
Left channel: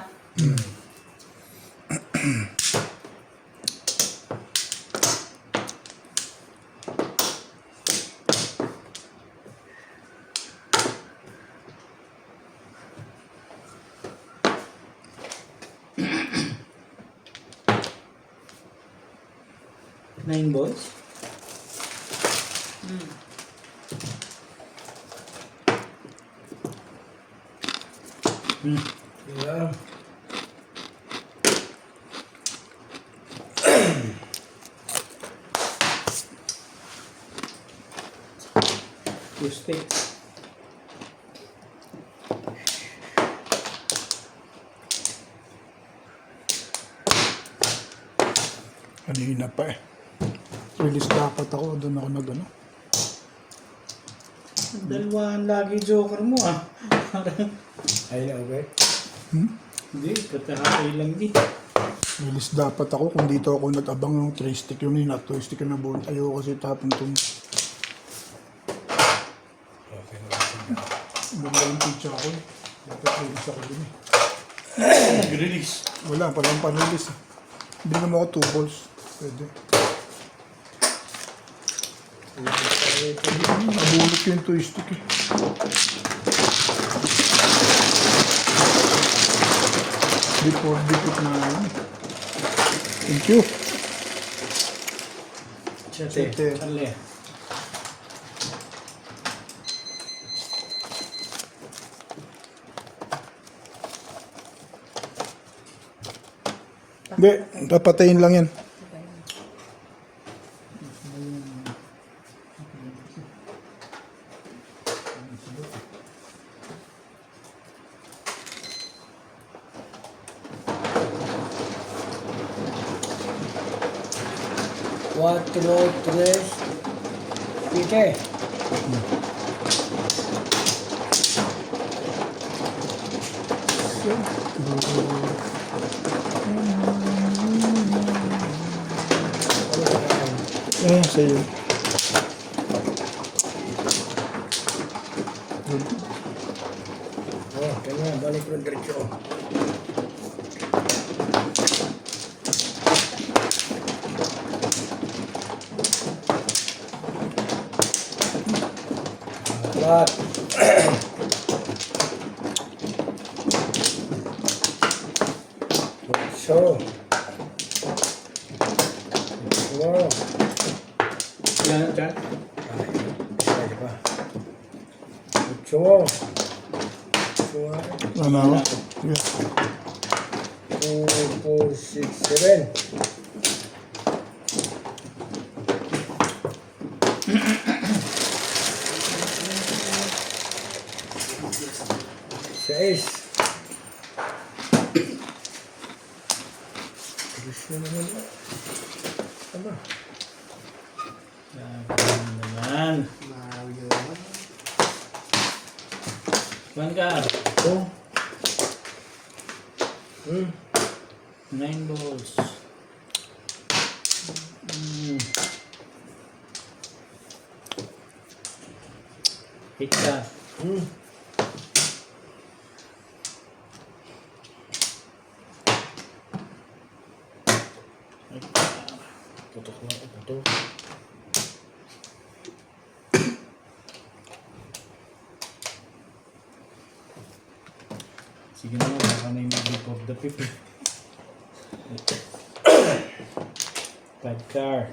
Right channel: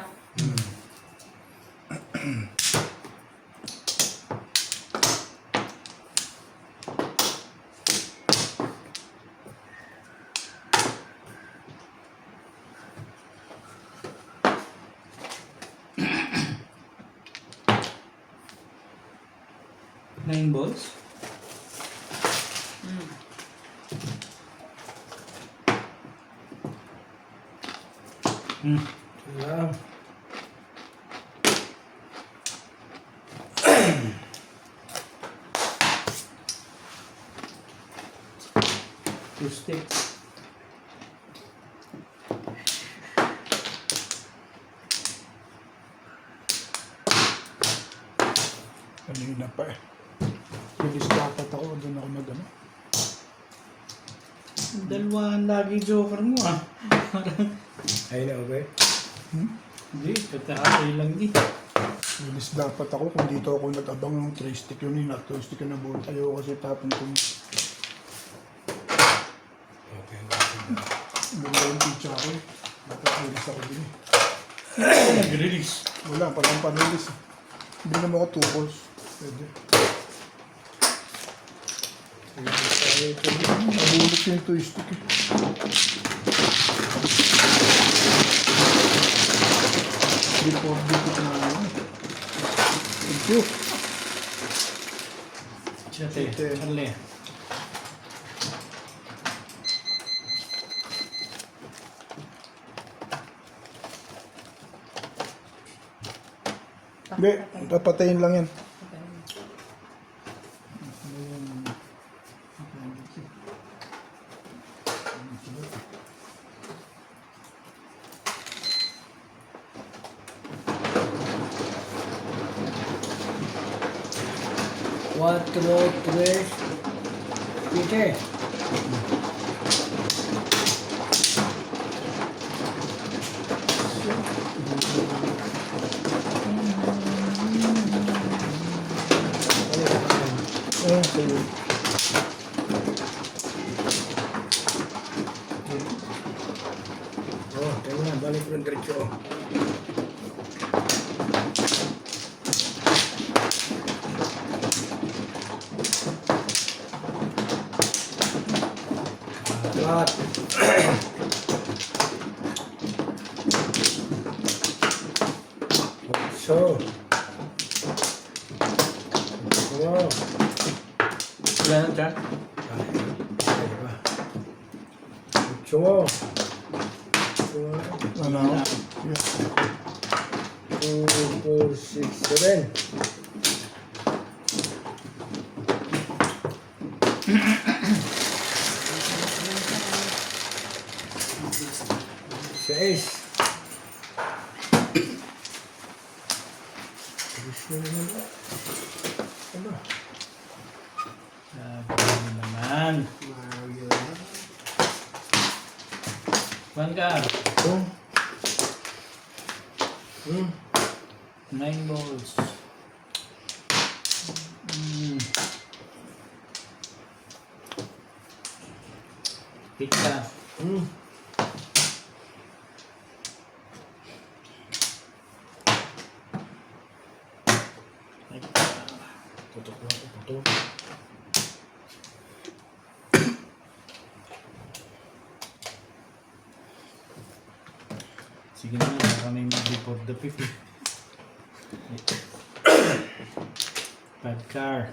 Nine balls. Wala. Two sticks. Kanina pa eh. Release dapat ako. Doon ako nag ano. Dalawahan lagi joker mo ah. Parang, Ayun na, okay? hindi, pagkakatay lang di. Bilis dapat ako kung dito ako nag-abang ng 3 stick yun na 2 stick na bull. Ayoko kasi tapon ito. Okay. Maganda yung pizza ako. Dapat release ako din eh. Nag-release. Wala, palang pa-release eh. Bigyan mo ako 2 balls. Pwede. Nabulot yung 2 stick eh. Before dikit na ano. Thank you. Siyete. Charlie. Hindi, papatayin lang yan. Cuatro, tres, siete. Ayan, sa'yo. Oh, ganyan, balik ng diretso. Apat. Otso. Dua. Wala na dyan. Ay pa. Ocho. Dua. Wala ako. Sige. 2, 4, 6, 7. Seis. Terus na naman. Ano? Yan. One card. Oh. 9 balls. Hit ka. Tutok na ako. Tutok. Sige na, baka may before the pick. Bad car.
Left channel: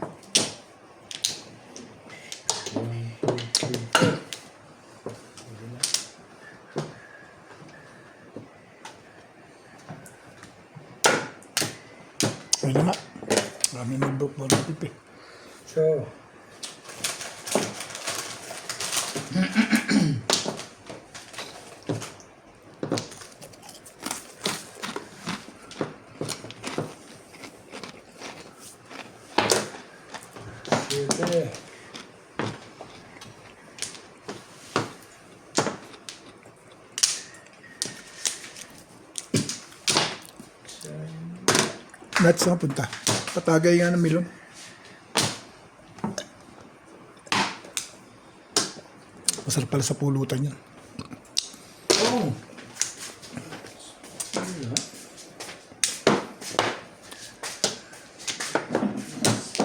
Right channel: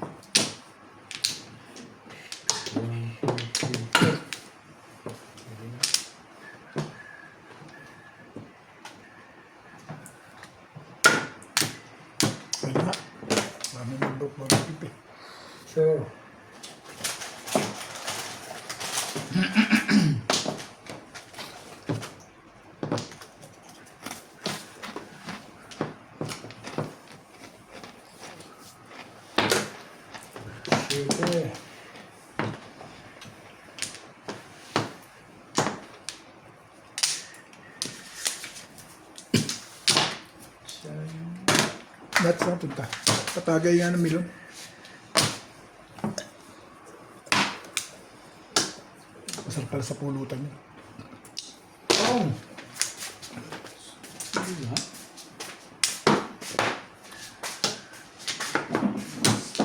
1, 2, 3, 4. Ayun na nga. Marami mag-book mo ng pipi. So. Siete. Nuts na punta. Patagay nga ng milon. Masarap pala sa pulutan yun. Oh!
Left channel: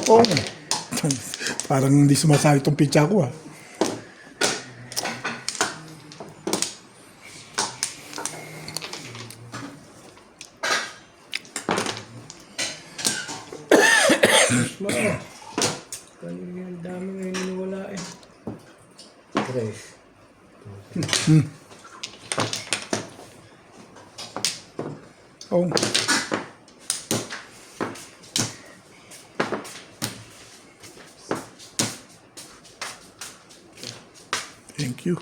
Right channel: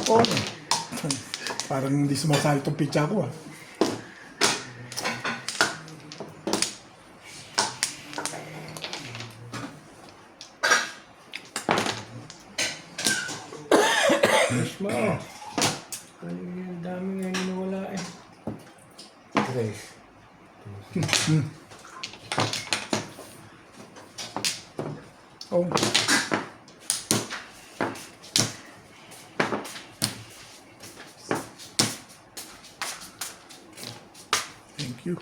Oh! Parang hindi sumasali itong pizza ko ah. Mo. Kaya yung dami nga yung nawala eh. Tres. Oh. Thank you.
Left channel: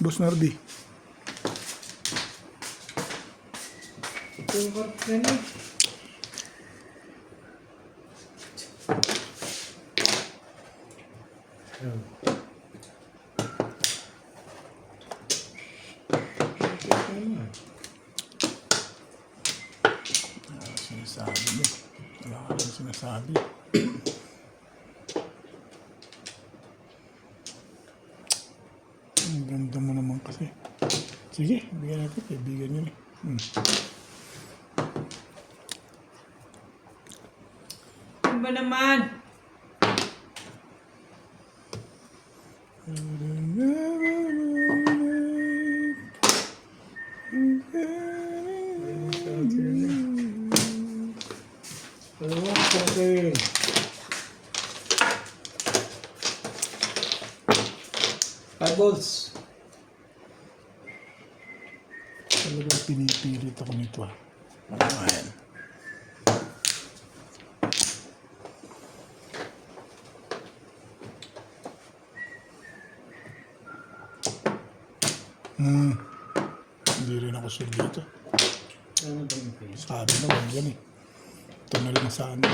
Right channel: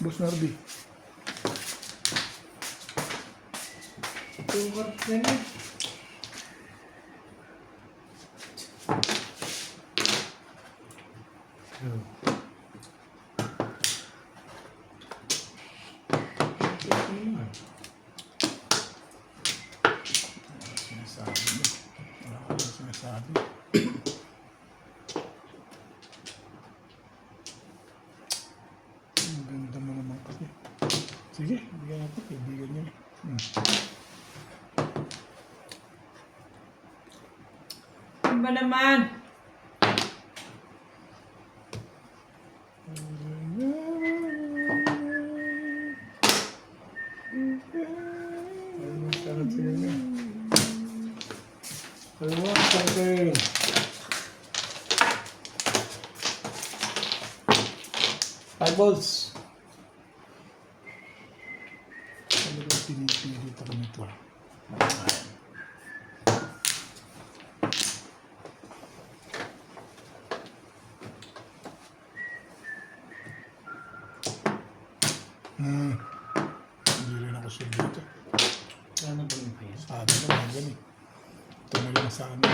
Boss Narby. Tukar na niya. Ang ganda mo naman kasi. Sige, bigyan natin. Kaibigan yun eh. Ano ba naman? Ano sarap yun na. Ano mo, sarap. Eyeballs. Talagang pinipilit ako nito ah. Ayan. Hindi rin ako sure dito. Ano ba yung face? Sabi na lang yan eh. Ito na lang sa ano.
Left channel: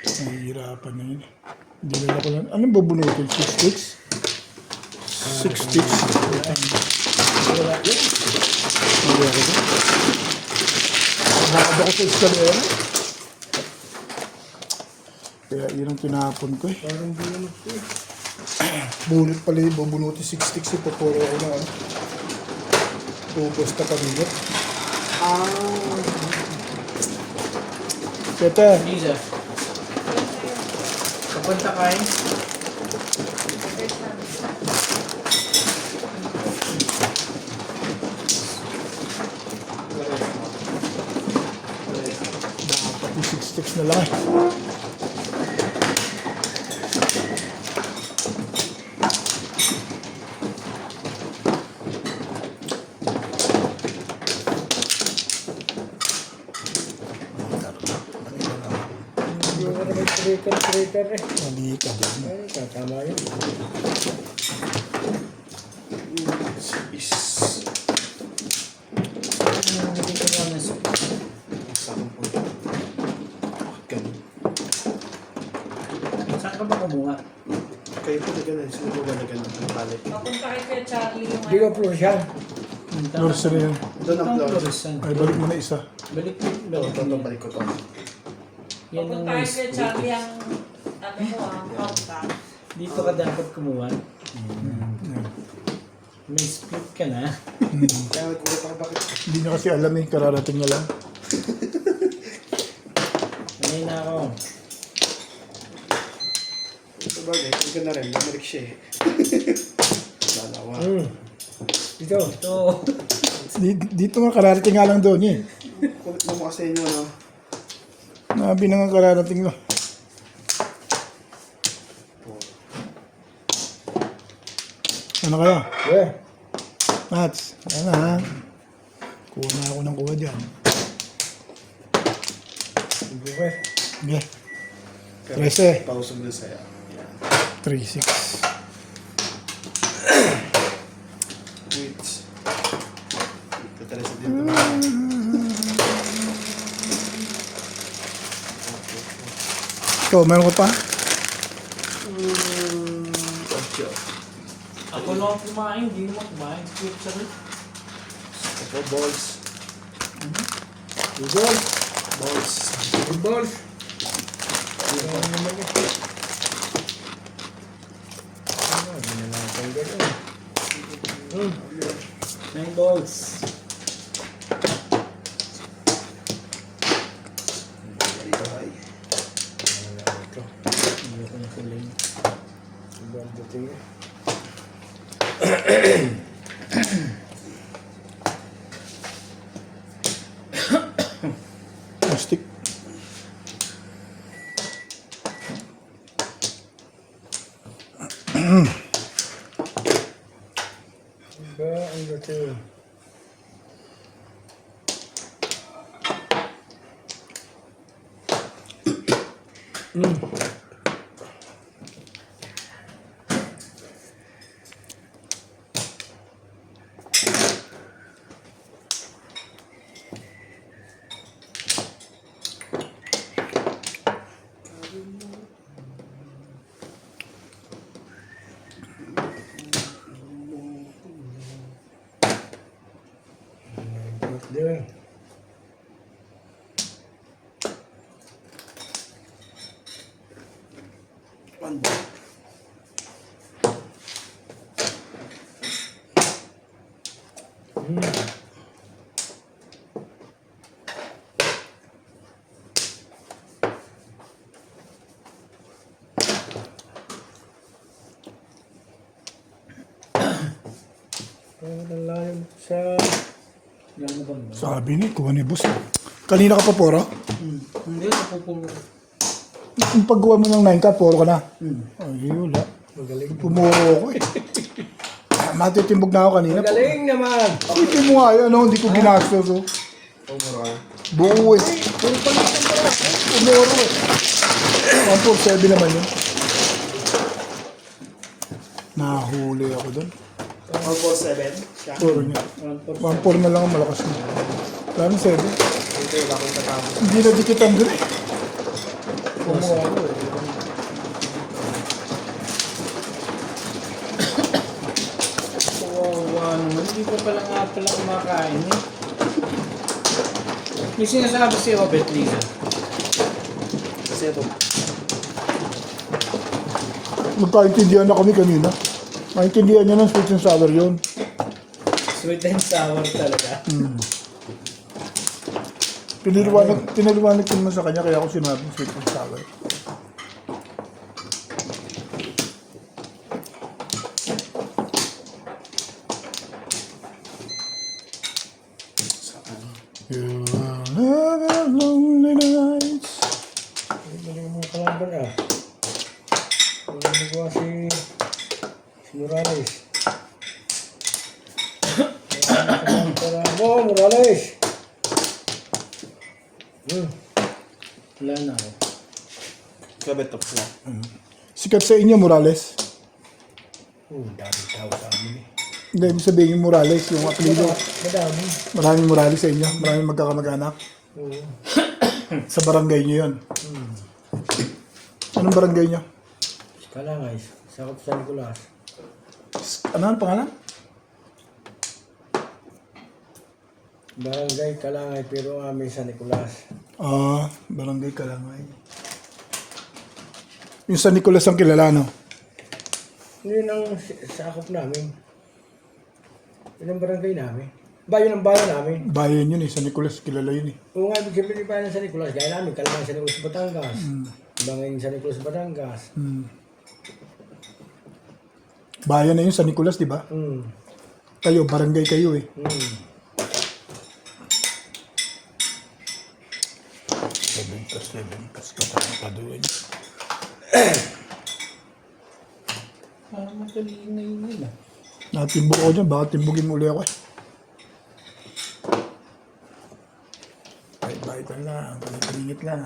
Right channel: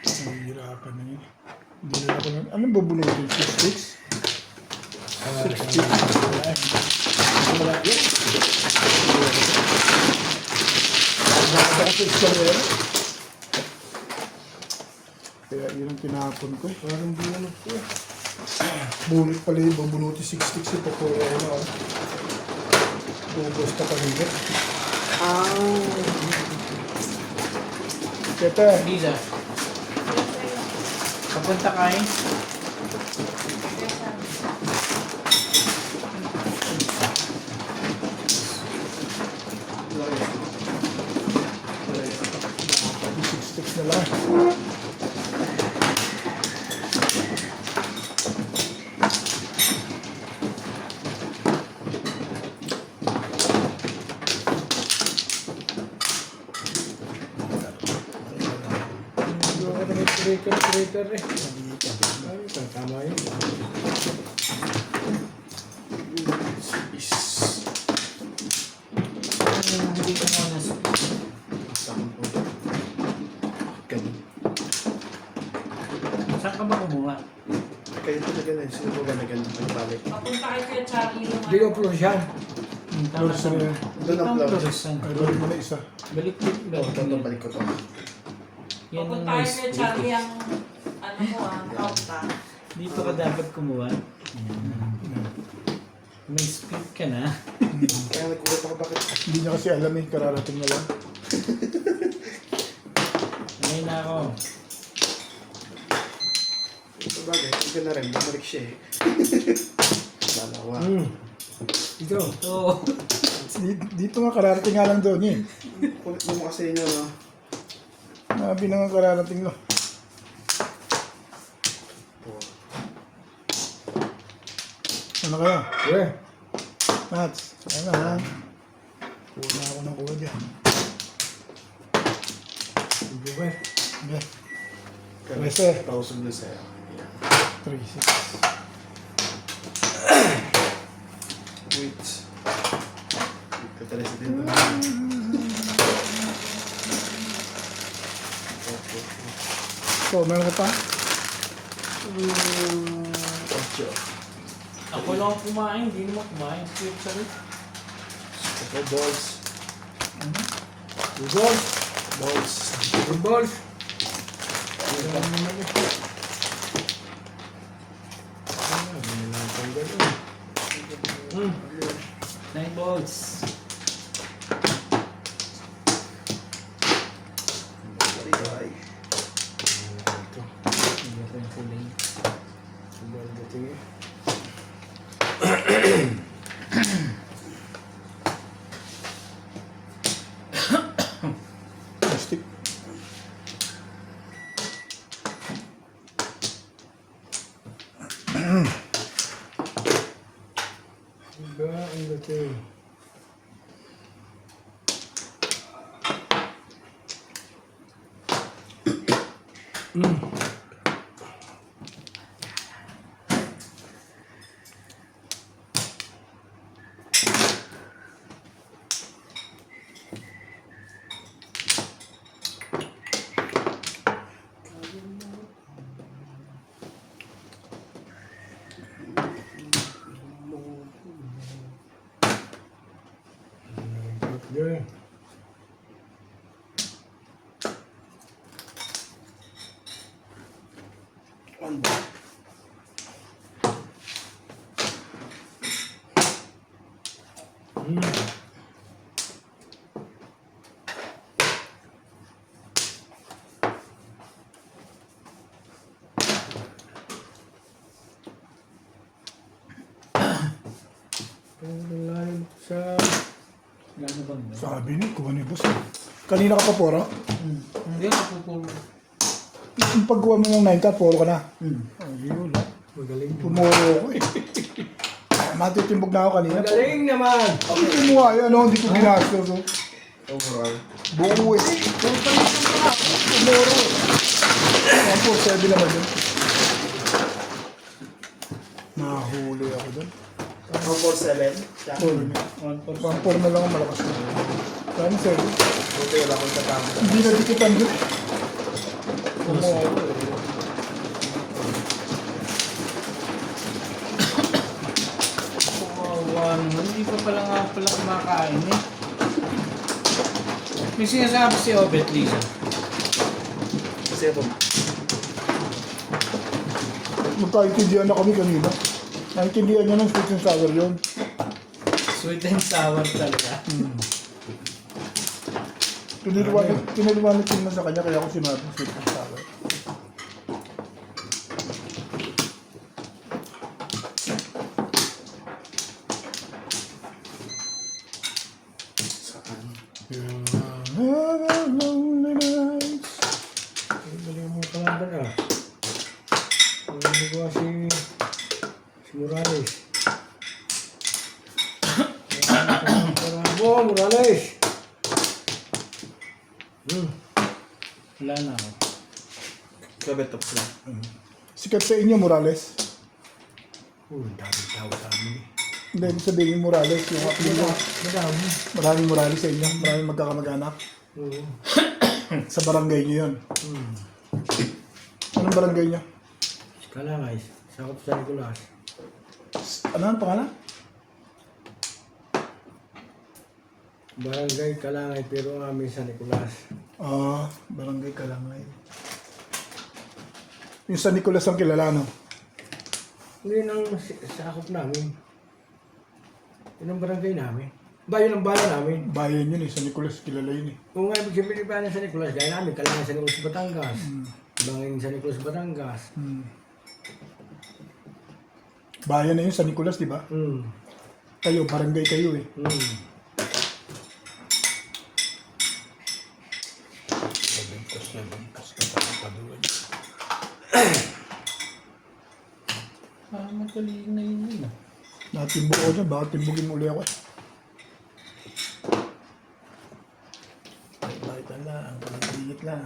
Nahihirapan na yun. Hindi na ako lang. Anong babunutin? 6 sticks? 6 sticks. Wala yun. Nakadakit sa meron. Kaya yun ang tinapon ko eh. Parang binanap ko eh. Bunot pala yung babunutin 6 sticks. Ipapuro na ah. Ubos na kanina. Tete, Mila, papunta kain? yung 6 sticks na lang. Hindi ko na may traitor eh. Hindi ka din. Ay, tama yun. Hindi ko na nasuot. Masakit po. Ganun. Saan ka ba kumuha? Kayo po na ganun. Sino po ba na ganun? Ang palit. Papunta kay Kuya Charlie yung Hindi ko plus yan. Flores na yan. Doon ang flowers. Florisan. Ay, balik mo na isa. Balik Ito, balik ko to. Yan ang Papunta kay nice. Kuya Charlie ang ano mo outback. Dito ka dapat kumuha. Yan. May split ka na. Kaya nagkulit ako bakit. Hindi niya kasi alam eh. Kararating niya lang. Ngayon na ako. Ito bagay, ikaw na rin. Bumalik siya eh. Dalawa. Ito. Ito. Dito nga kararating nga lang doon eh. Kulit mo kasi inyo, no? Nabi na nga kararating lang. Ano kaya? Eh, Mats, ano ha? Kuha na ako ng kuha dyan. hindi ko eh. Okay. 13. 1,000 na sa'yo. 3, 6. Wait. Ito talaga sa dito. Ikaw, meron ka pa? Okay. Ako lang ang kumain. Hindi naman kumain. Split sa rin. Ito, balls. Balls. Balls. Balls. Ito naman yun. Ano, binalatan gano'n. 9 balls. Ito. Hindi ko yung kuling. Ang dating eh. Plastic. Diba, ang dating. Doing. Pero nalalim sa... Yan ba ba? Sabi ni, kuha ni boss. Kanina ka pa poro? Hindi, napupuro. Yung paggawa mo ng 9 ka, poro ka na. Hmm. Ay, wala. Magaling. Pumoro ako eh. Matitimbog na ako kanina. Magaling naman! Hindi mo nga yun, ano, hindi ko ginastos. Oh. Buo eh. Puro palitan pala ako. Pumoro eh. 147 naman yun. Nahuli ako doon. 147. 1-4 na lang ang malakas na. Dami 7. Hindi na dikitan doon eh. Pumoro ako eh. Kawawa naman. Hindi ka pala nga pala kumakain eh. May sinasabi si Obet Lisa. Kasi ito. Nagkaintindihan na kami kanina. Maintindihan niya ng sweet and sour yun. Sweet and sour talaga. Pinaliwanag ko naman sa kanya kaya ako sinabi sweet and sour. You will have lonely nights. Magaling mo kalaban ah. Magaling mo si Morales. Bravo, Morales! Wala na ako. Sabi top lang. Sikat sa inyo, Morales. Dami tao sa amin eh. Hindi, ibig sabihin yung Morales, yung apelido. Madami. Maraming Morales sa inyo, maraming magkakamag-anak. Oo. Sa barangay nyo yun. Anong barangay nyo? Kalangay, sakop sa Nicolas. Ano ang pangalan? Barangay Kalangay pero amin sa Nicolas. Barangay Kalangay. Yung San Nicolas ang kilala, no? Yun ang sakop namin. Yun ang barangay namin. Yun ang bayan namin. Bayan yun eh, San Nicolas kilala yun eh. Kung nga ibig sabihin bayan sa Nicolas, gaya namin, Kalangay sa Nicolas, Batangas. Banging sa Nicolas, Batangas. Bayan na yun, San Nicolas, di ba? Kayo, barangay kayo eh. Magaling na yun yun ah. Natimbog ako dyan, baka timbugin mo ulit ako eh. Bait lang, bingit lang.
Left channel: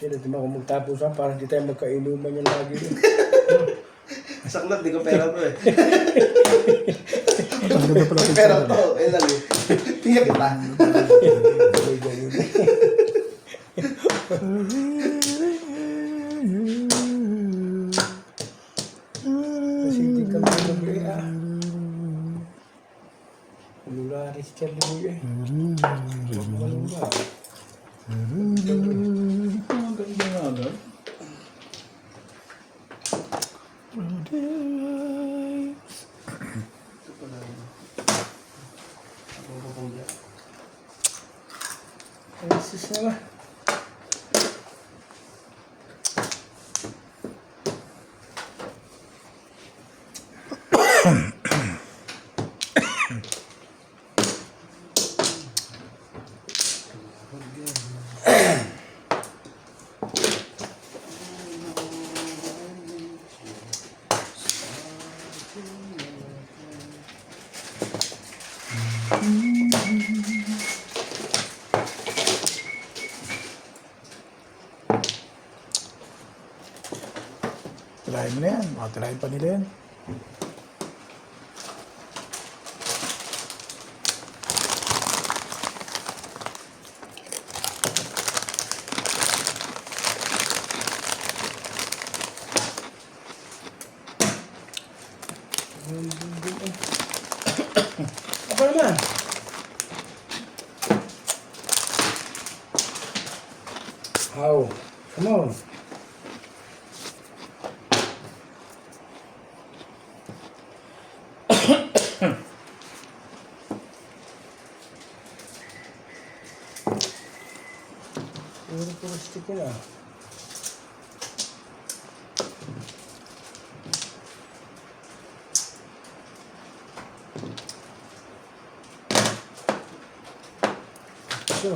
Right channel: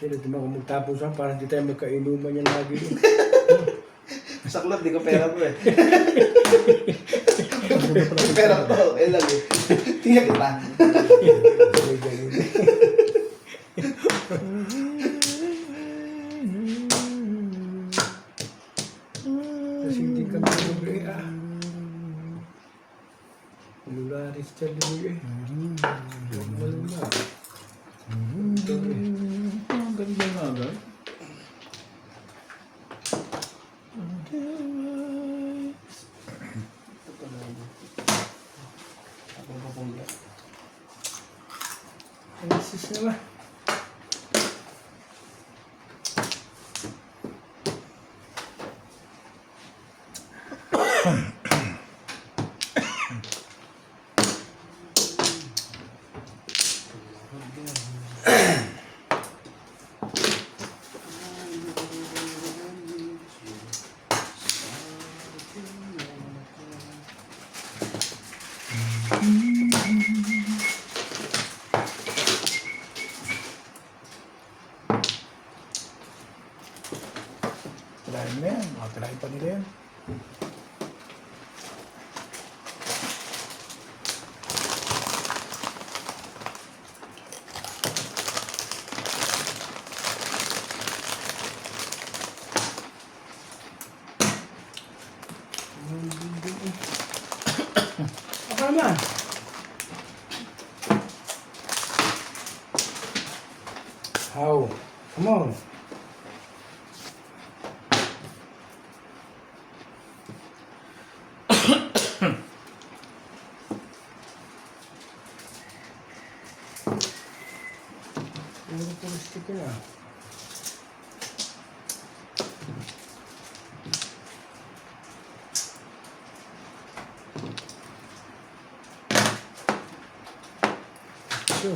Sila di ba kung magtapusan para hindi tayo magkainuman yan lagi. Saklat, di ko pera mo eh. Ang ganda pala ito. Pero to, lang eh. Tingnan kita. May ganun. Kasi hindi kami nabili ah. Lularis siya limuy eh. Huwag malula. Ang ganda nga ba? Ang sis na ba? Tirahin mo na yan, baka tirahin pa nila yan. Apa naman? How? Come on. Puro stick yun ah. So,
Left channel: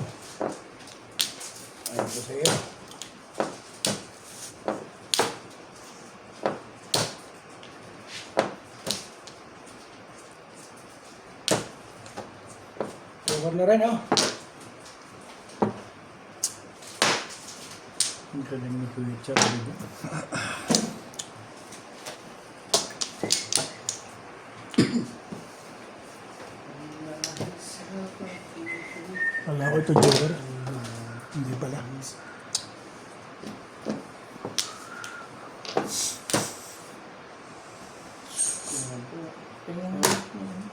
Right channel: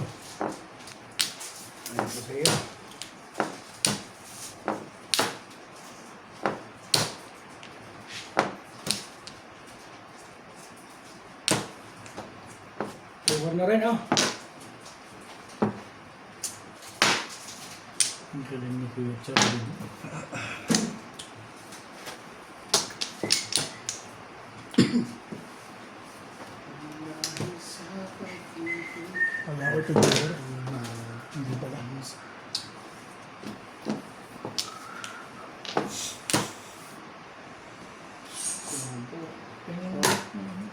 ayun ko sa iyo. Over na rin, oh. Ang galing ni Kuya Charlie. Wala ko ito, Joker. Hindi pala.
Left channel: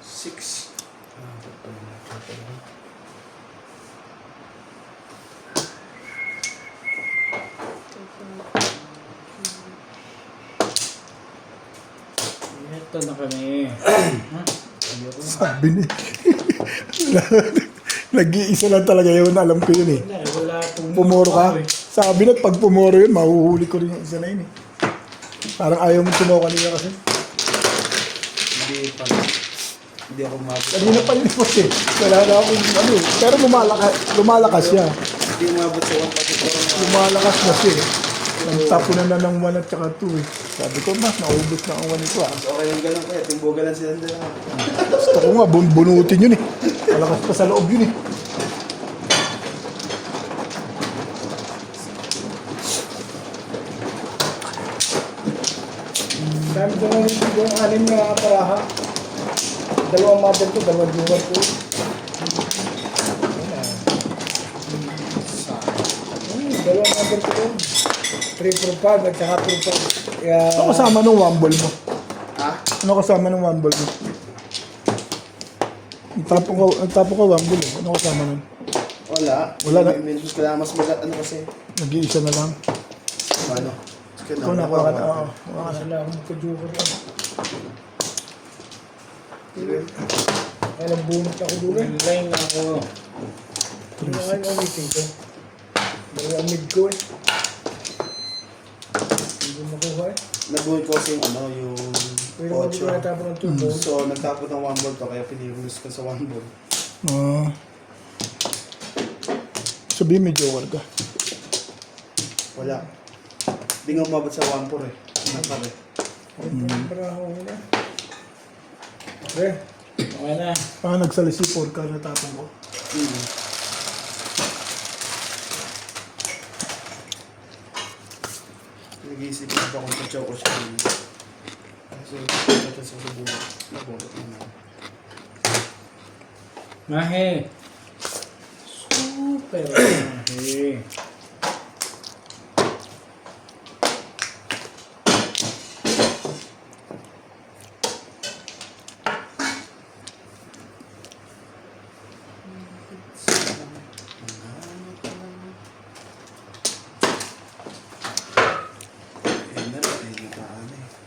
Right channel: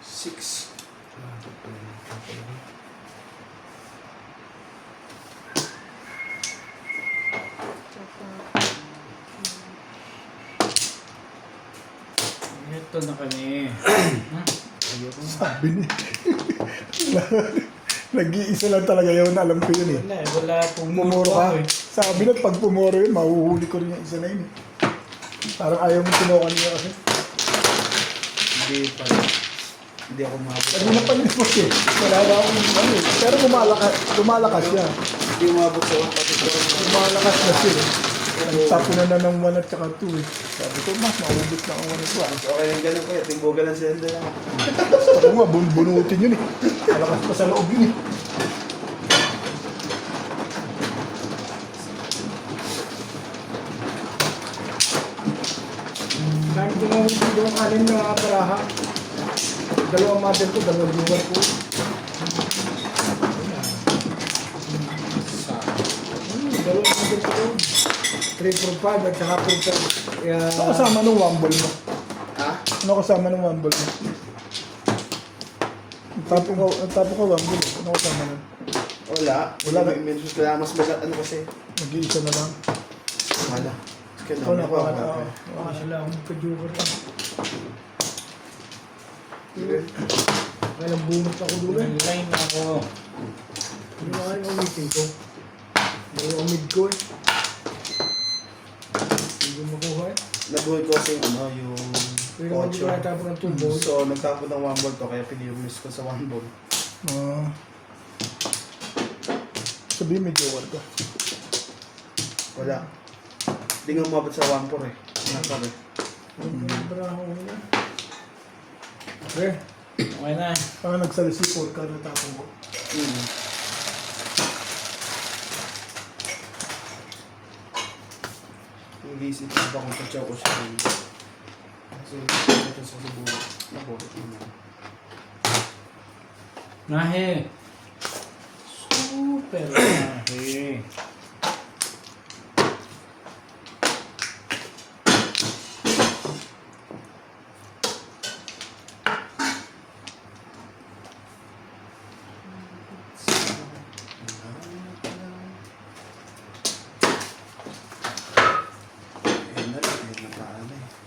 Six. Ito na kami. Ayoko. Sabi ni. Nag-iisa lang talaga yun. Alam ko yun eh. Wala akong Pumuro ka. eh. Sabi na pag pumuro yun, mahuhuli ko rin yung isa na yun eh. Parang ayaw mo tumuha kanina kasi. Hindi pa. Hindi ako mabot. Kanina pa yun po eh. Wala na akong ano eh. Pero lumalakas siya. Hindi mabot sa 1 Lumalakas na siya eh. Nagtapo na ng 1 at saka 2 eh. Sabi ko, mas maubos na ang 1 ko ah. So, okay lang ganun kaya. Tumboga lang sila doon. Gusto ko nga, bunutin yun eh. Malakas pa sa loob yun eh. Dami ko nung yung 6 na kaparaha. Dalawang mother ko, dalawang viewer ko. Dalawang mother ko doon. 345 at saka 45. Kaya... Ano kasama ng 1 ball mo? Ha? Ano kasama ng 1 ball mo? Nagtapo ka 1 ball eh. Ano kasama nun? Wala. Wala na. Minus ko lang mas magat. Ano kasi? Nag-iisa na lang. Ano? Ito na ako. parang Baka sila akong magka-joker lang. Kaya lang bunot ako doon eh. Line ako. Ano nga yung meeting ko? Dalawang mid ko eh. Hindi ko makuha eh. Nag-hold ko kasi yung ano, yung Pero naman di ko natapon ng 2 ball. So, nagtapon ng 1 ball to, kaya piniremiss ko sa 1 ball. Sabihin may joker ka. Wala. Hindi nga umabot sa 1-4 eh. Nakabi. Ito yung para ako na. Okay. Okay na. Parang nagsalisi 4 ka na tatang ko. Nag-iisip ko ba kung tatsaw ko sa akin. Kasi ito sa subukan. Nabukot naman. Mahe. Super mahe.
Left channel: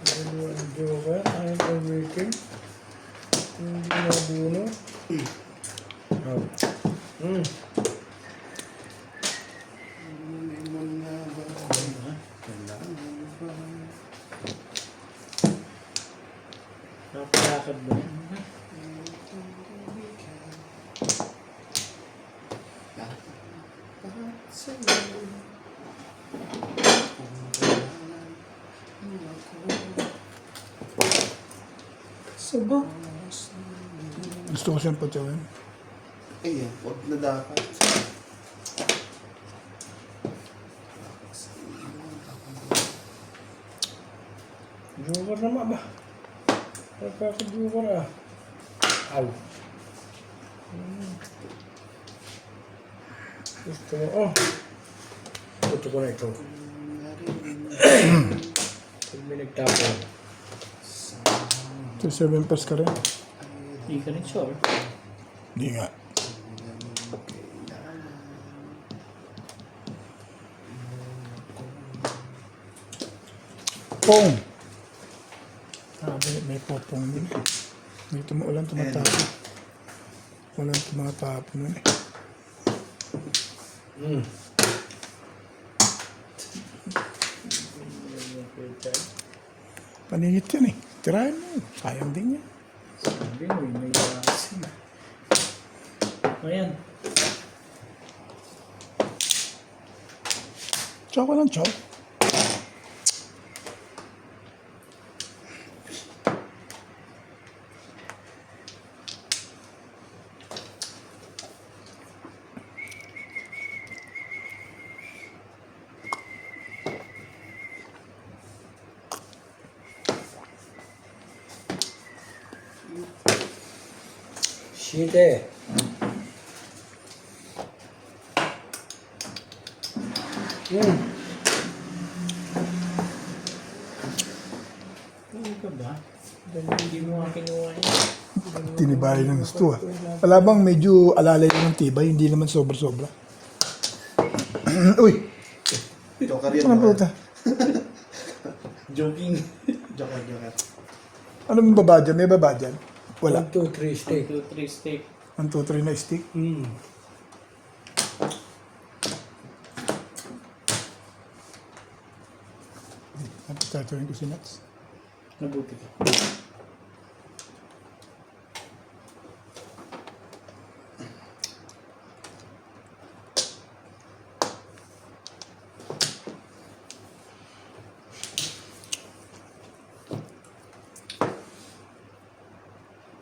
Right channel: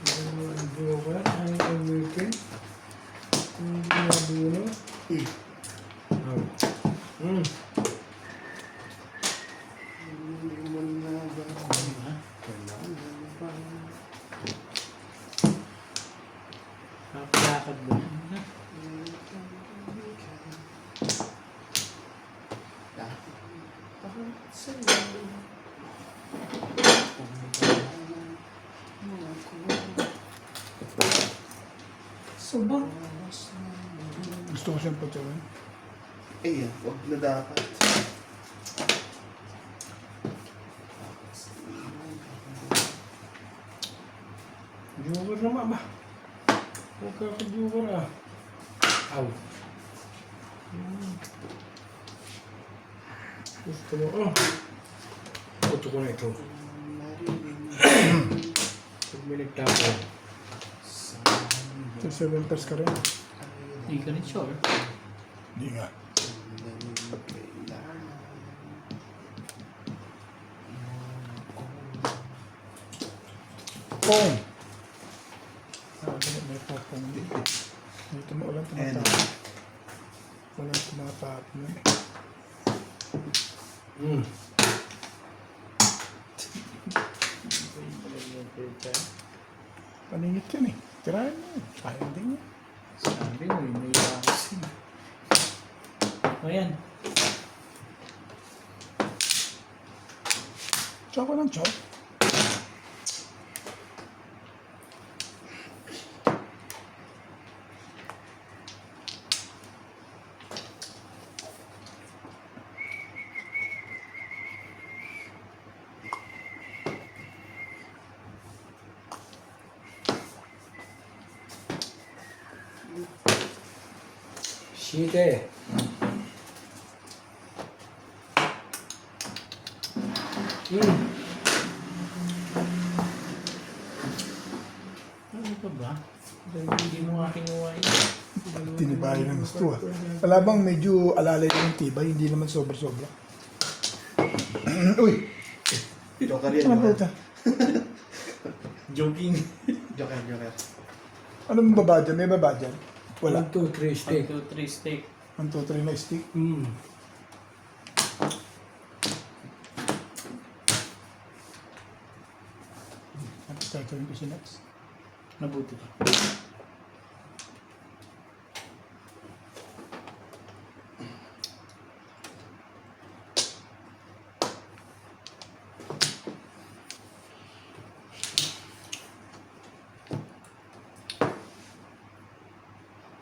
Dalawang joker. Ano yung weekend? Hindi na duno. Napakakad ba? Saba? Gusto ko siyang patyawan. Eh, yan. Huwag na dapat. Joker naman ba? Nagkaka-joker ah. Aw. Gusto mo, oh. Puto ko na ito. Pag may nagtapo. So 7 pass ka rin. Hindi ka rin sure. Hindi nga. popong. May popong dito. Dito na ulan tumatapon. Ulan tumatapon na eh. Paningit yan eh. Tirahan mo. Sayang din yan. Sabi mo, may lakas. Ayan. Tsaka lang, tsaka. Siyete. Ano ka ba? Dahil hindi mo nga kinuha yun. Tinibayo ng gusto ah. Wala bang medyo alalay yung tibay, hindi naman sobra-sobra. Uy! Joker Ano po ito? Joking. Joker. Ano bang baba dyan? May baba dyan? Wala. 1, 2, 3, steak. 2, 3 steak. 1, 2, 3 na stick. Potato yung kasi nuts. Nabuti ka.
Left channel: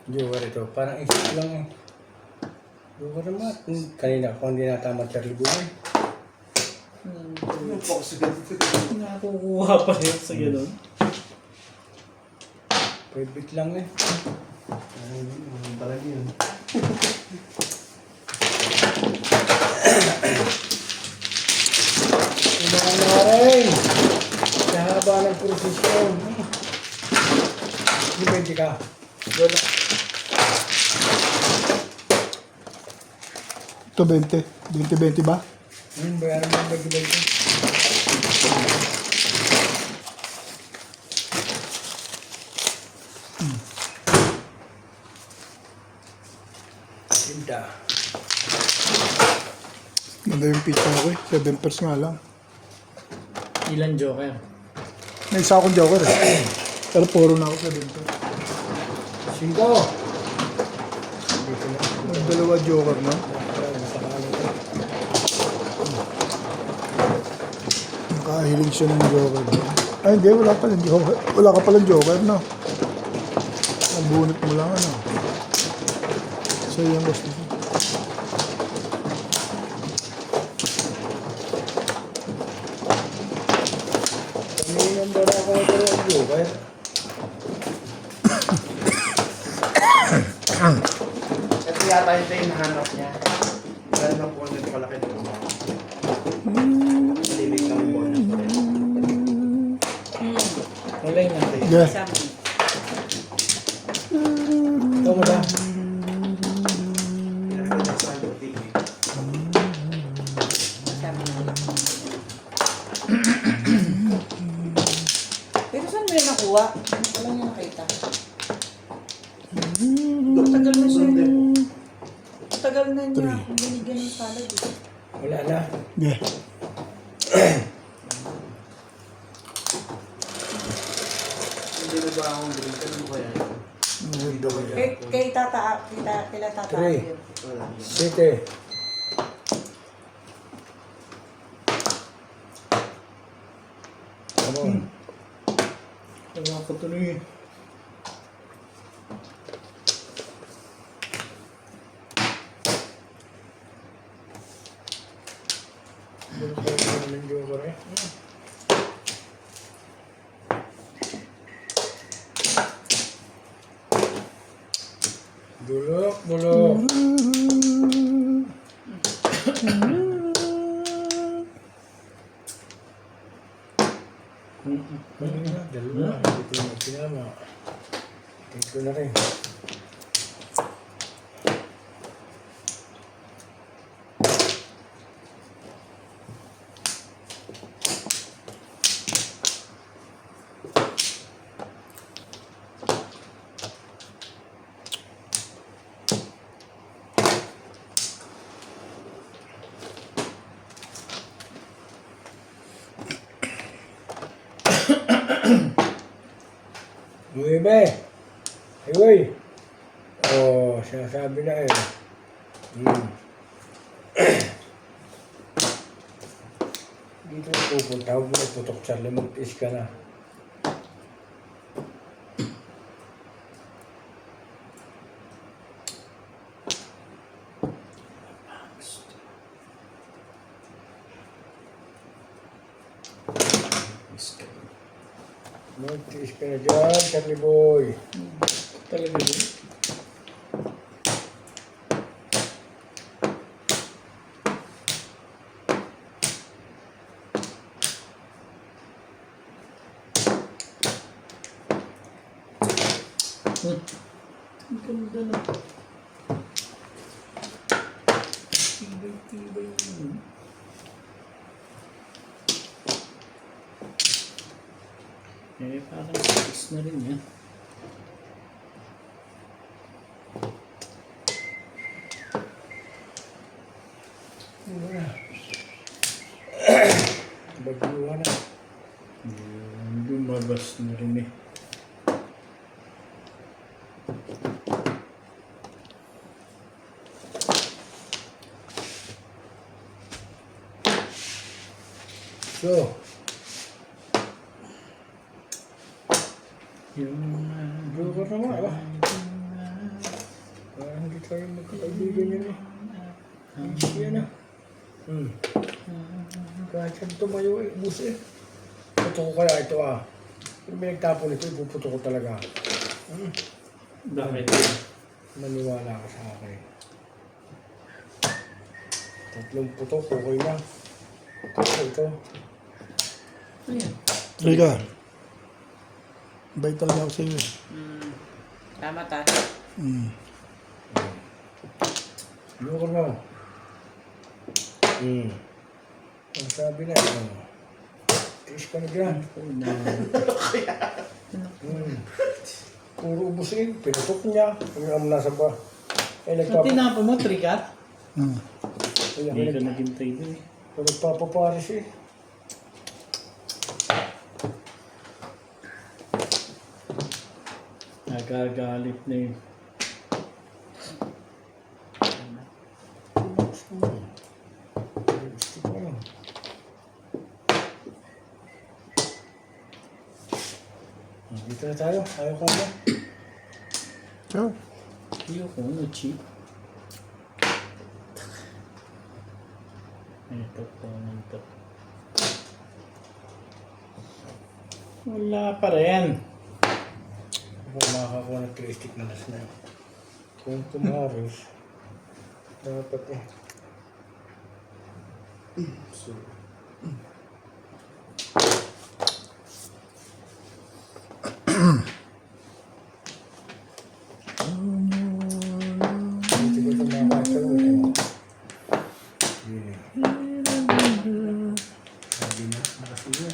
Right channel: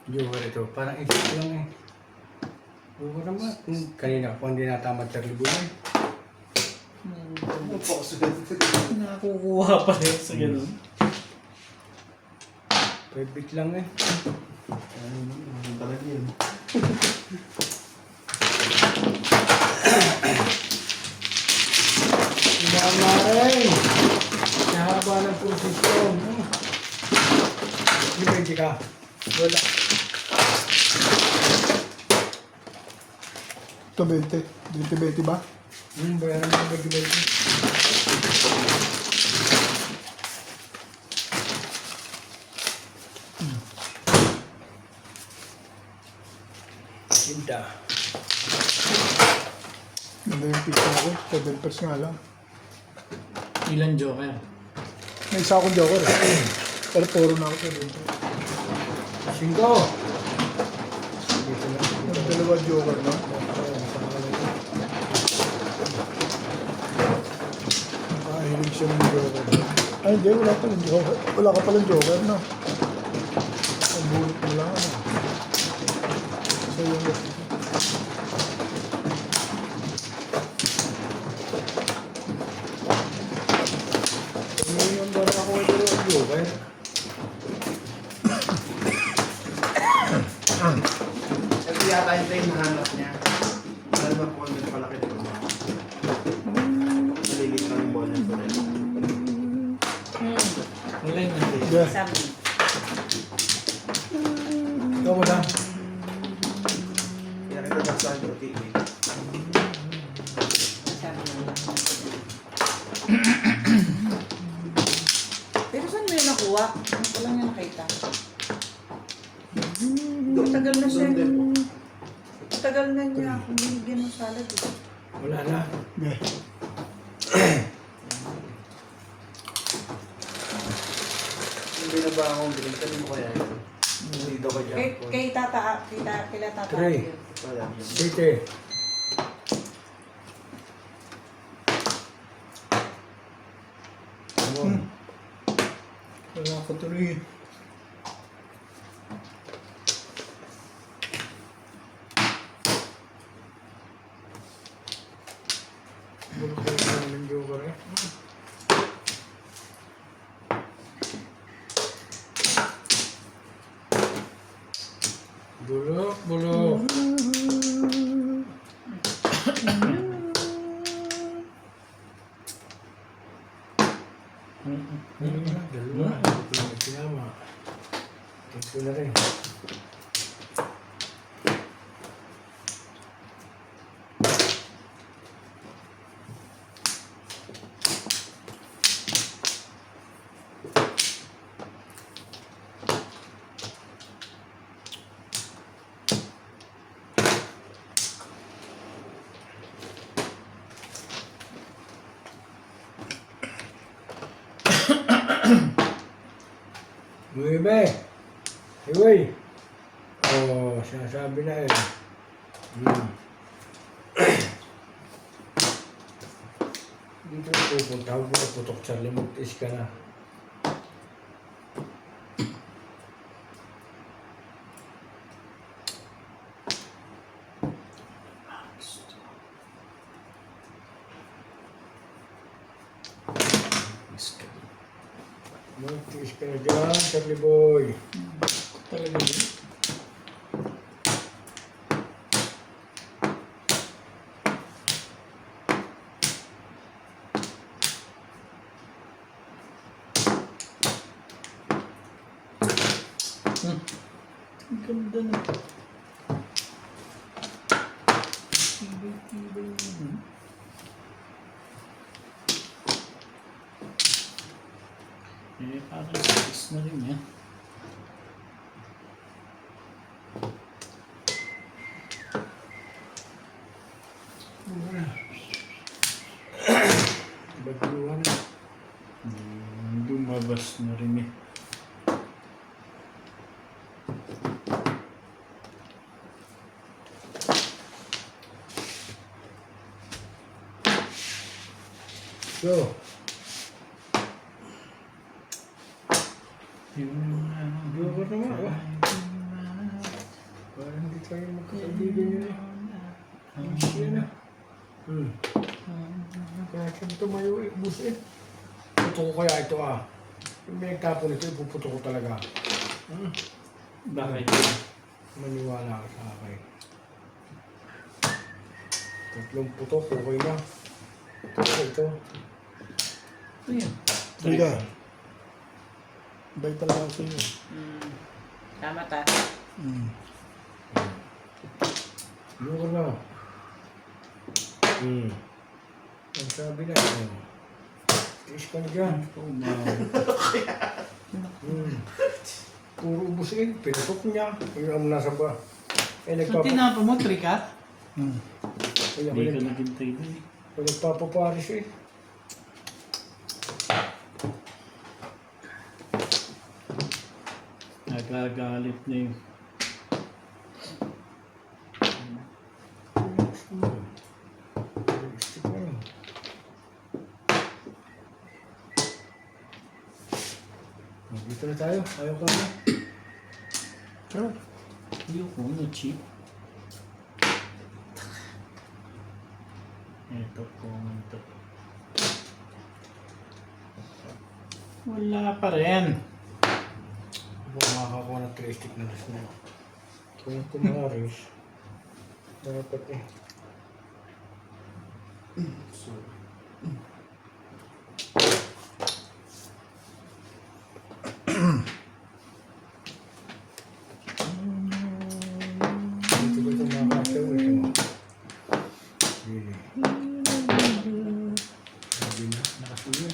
Joker ito. Parang isip lang eh. Joker naman. Kanina ko hindi natama Charlie Boy. Nakukuha pa rin sa ganun. 5 bit lang eh. Talaga yun. Ibahan na rin. Sa haba ng prosesyon. Depende ka. Wala. Ito 20. 20 ba? Bayaran mo ba gibay ko? Tinda. Ganda yung pizza ko eh. 7 pers nga lang. Ilan joker? May isa akong joker eh. Pero puro na ako sa dito. 5. Dito na. Dalawa joker na. Nakahiling siya ng joker. Ay hindi, wala palang joker. Wala ka palang joker, no? Ang bunit mo lang, ano? So yung gusto ko. Kanina ba na ako nagkaroon ng joker? Ito yata yung kayo hanap niya. Alam na po ang palaki dito. Nalilig ng bonus ko rin. Wala yung natin. Yeah. Sabi. Ito mo lang. Pinakita sa akin yung TV. Sabi. Pero saan mo yan nakuha? Hindi ko lang yan nakita. Matagal na siya. Matagal na niya akong binigyan ng salad eh. Wala na. Yeah. Hindi na ba akong drink? Ano mo kaya yun? Hindi daw kaya. Kay kila tata. Three. yun. Wala. 7. Come on. Wala ko tuloy eh. Bulok ko ng joker eh. Bulok. Dalawa. Dito na sinama. Dito na rin. Nuebe. Hiway. Oh, sinasabi na eh. Dito na pupunta. Huwag mo na putok, Charlie. Mag-is ka na. Mag-is ka na dyan, Charlie boy. Talaga yun? Ang ganda na. Tibay-tibay yun. Eh, parang fix na rin yan. Bagluha na. Lumabas na rin eh. So, Yun na. Joker naman, ba? Parang hindi tayo magkakaibigan yun eh. Easy yan ah. Kahit saan tumayo eh, ubus eh. Puto ko kaya ito ah. Yung pinagtapon ito, ipuputo ko talaga. Bakit? Maniwala ka sa akin. 3 putok, okay na. Ito. Ayan. Teka. Bay talaga ako sa iyo. Tama ta. Joker mo. Ang sabi na, tiis ka na dyan. Oh, no. Puro ubus eh, pinutok niya. Yung nasa ba? Eh, So, tinapa mo, trikat? Kaya Hindi ka naghintay din eh. nagpapaparis eh. Nagagalit na yun. Realistic na lang. Dito na tayo. Ayaw ka na. Sure. Ayoko na cheap. Ito po ito. Wala pa rin. Ako makakakuha ng 3 stick na last na yun. Kung kumaris, dapat eh. Dito ba ito makakasaw eh? Yun eh. Sabi na, nakasuyo.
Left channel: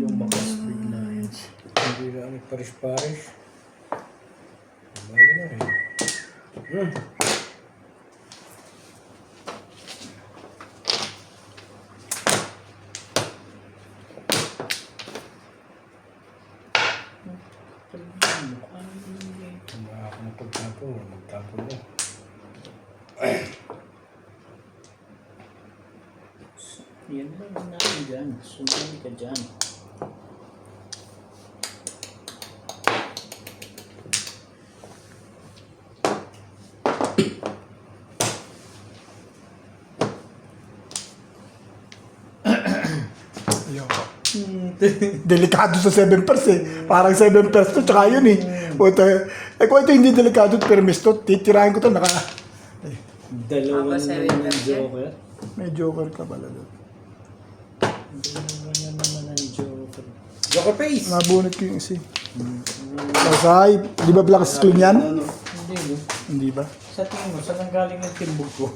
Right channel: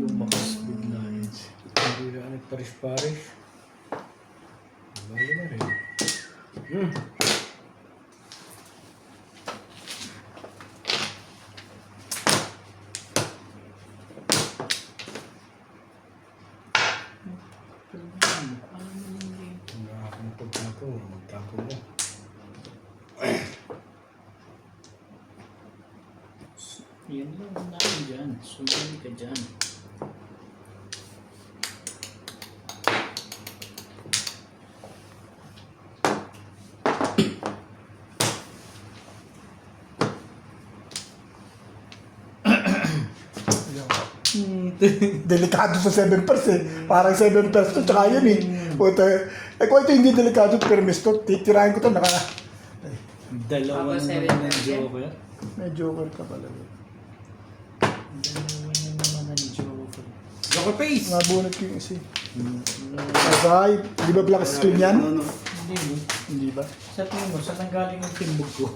Lumakas bigla yun. Hindi na anik paris-paris. Bali na rin. Hindi ako magpagtapon. Magtapon na. Yan lang natin dyan. Sumali ka dyan. Delikado sa 7 pers eh. Parang 7 pers to, tsaka yun eh. Puta, eh kung ito hindi delikado at permis to, titirahin ko to, Dalawa Tapos, na seven naman ang plus yan. joker. may joker ka pala doon. Dalawa na naman ang joker. Joker face! Nabunot ko yung isa eh. Masay, di ba black screen yan? Hindi mo. Hindi ba? Sa tingin mo, saan ang galing ang timbog ko?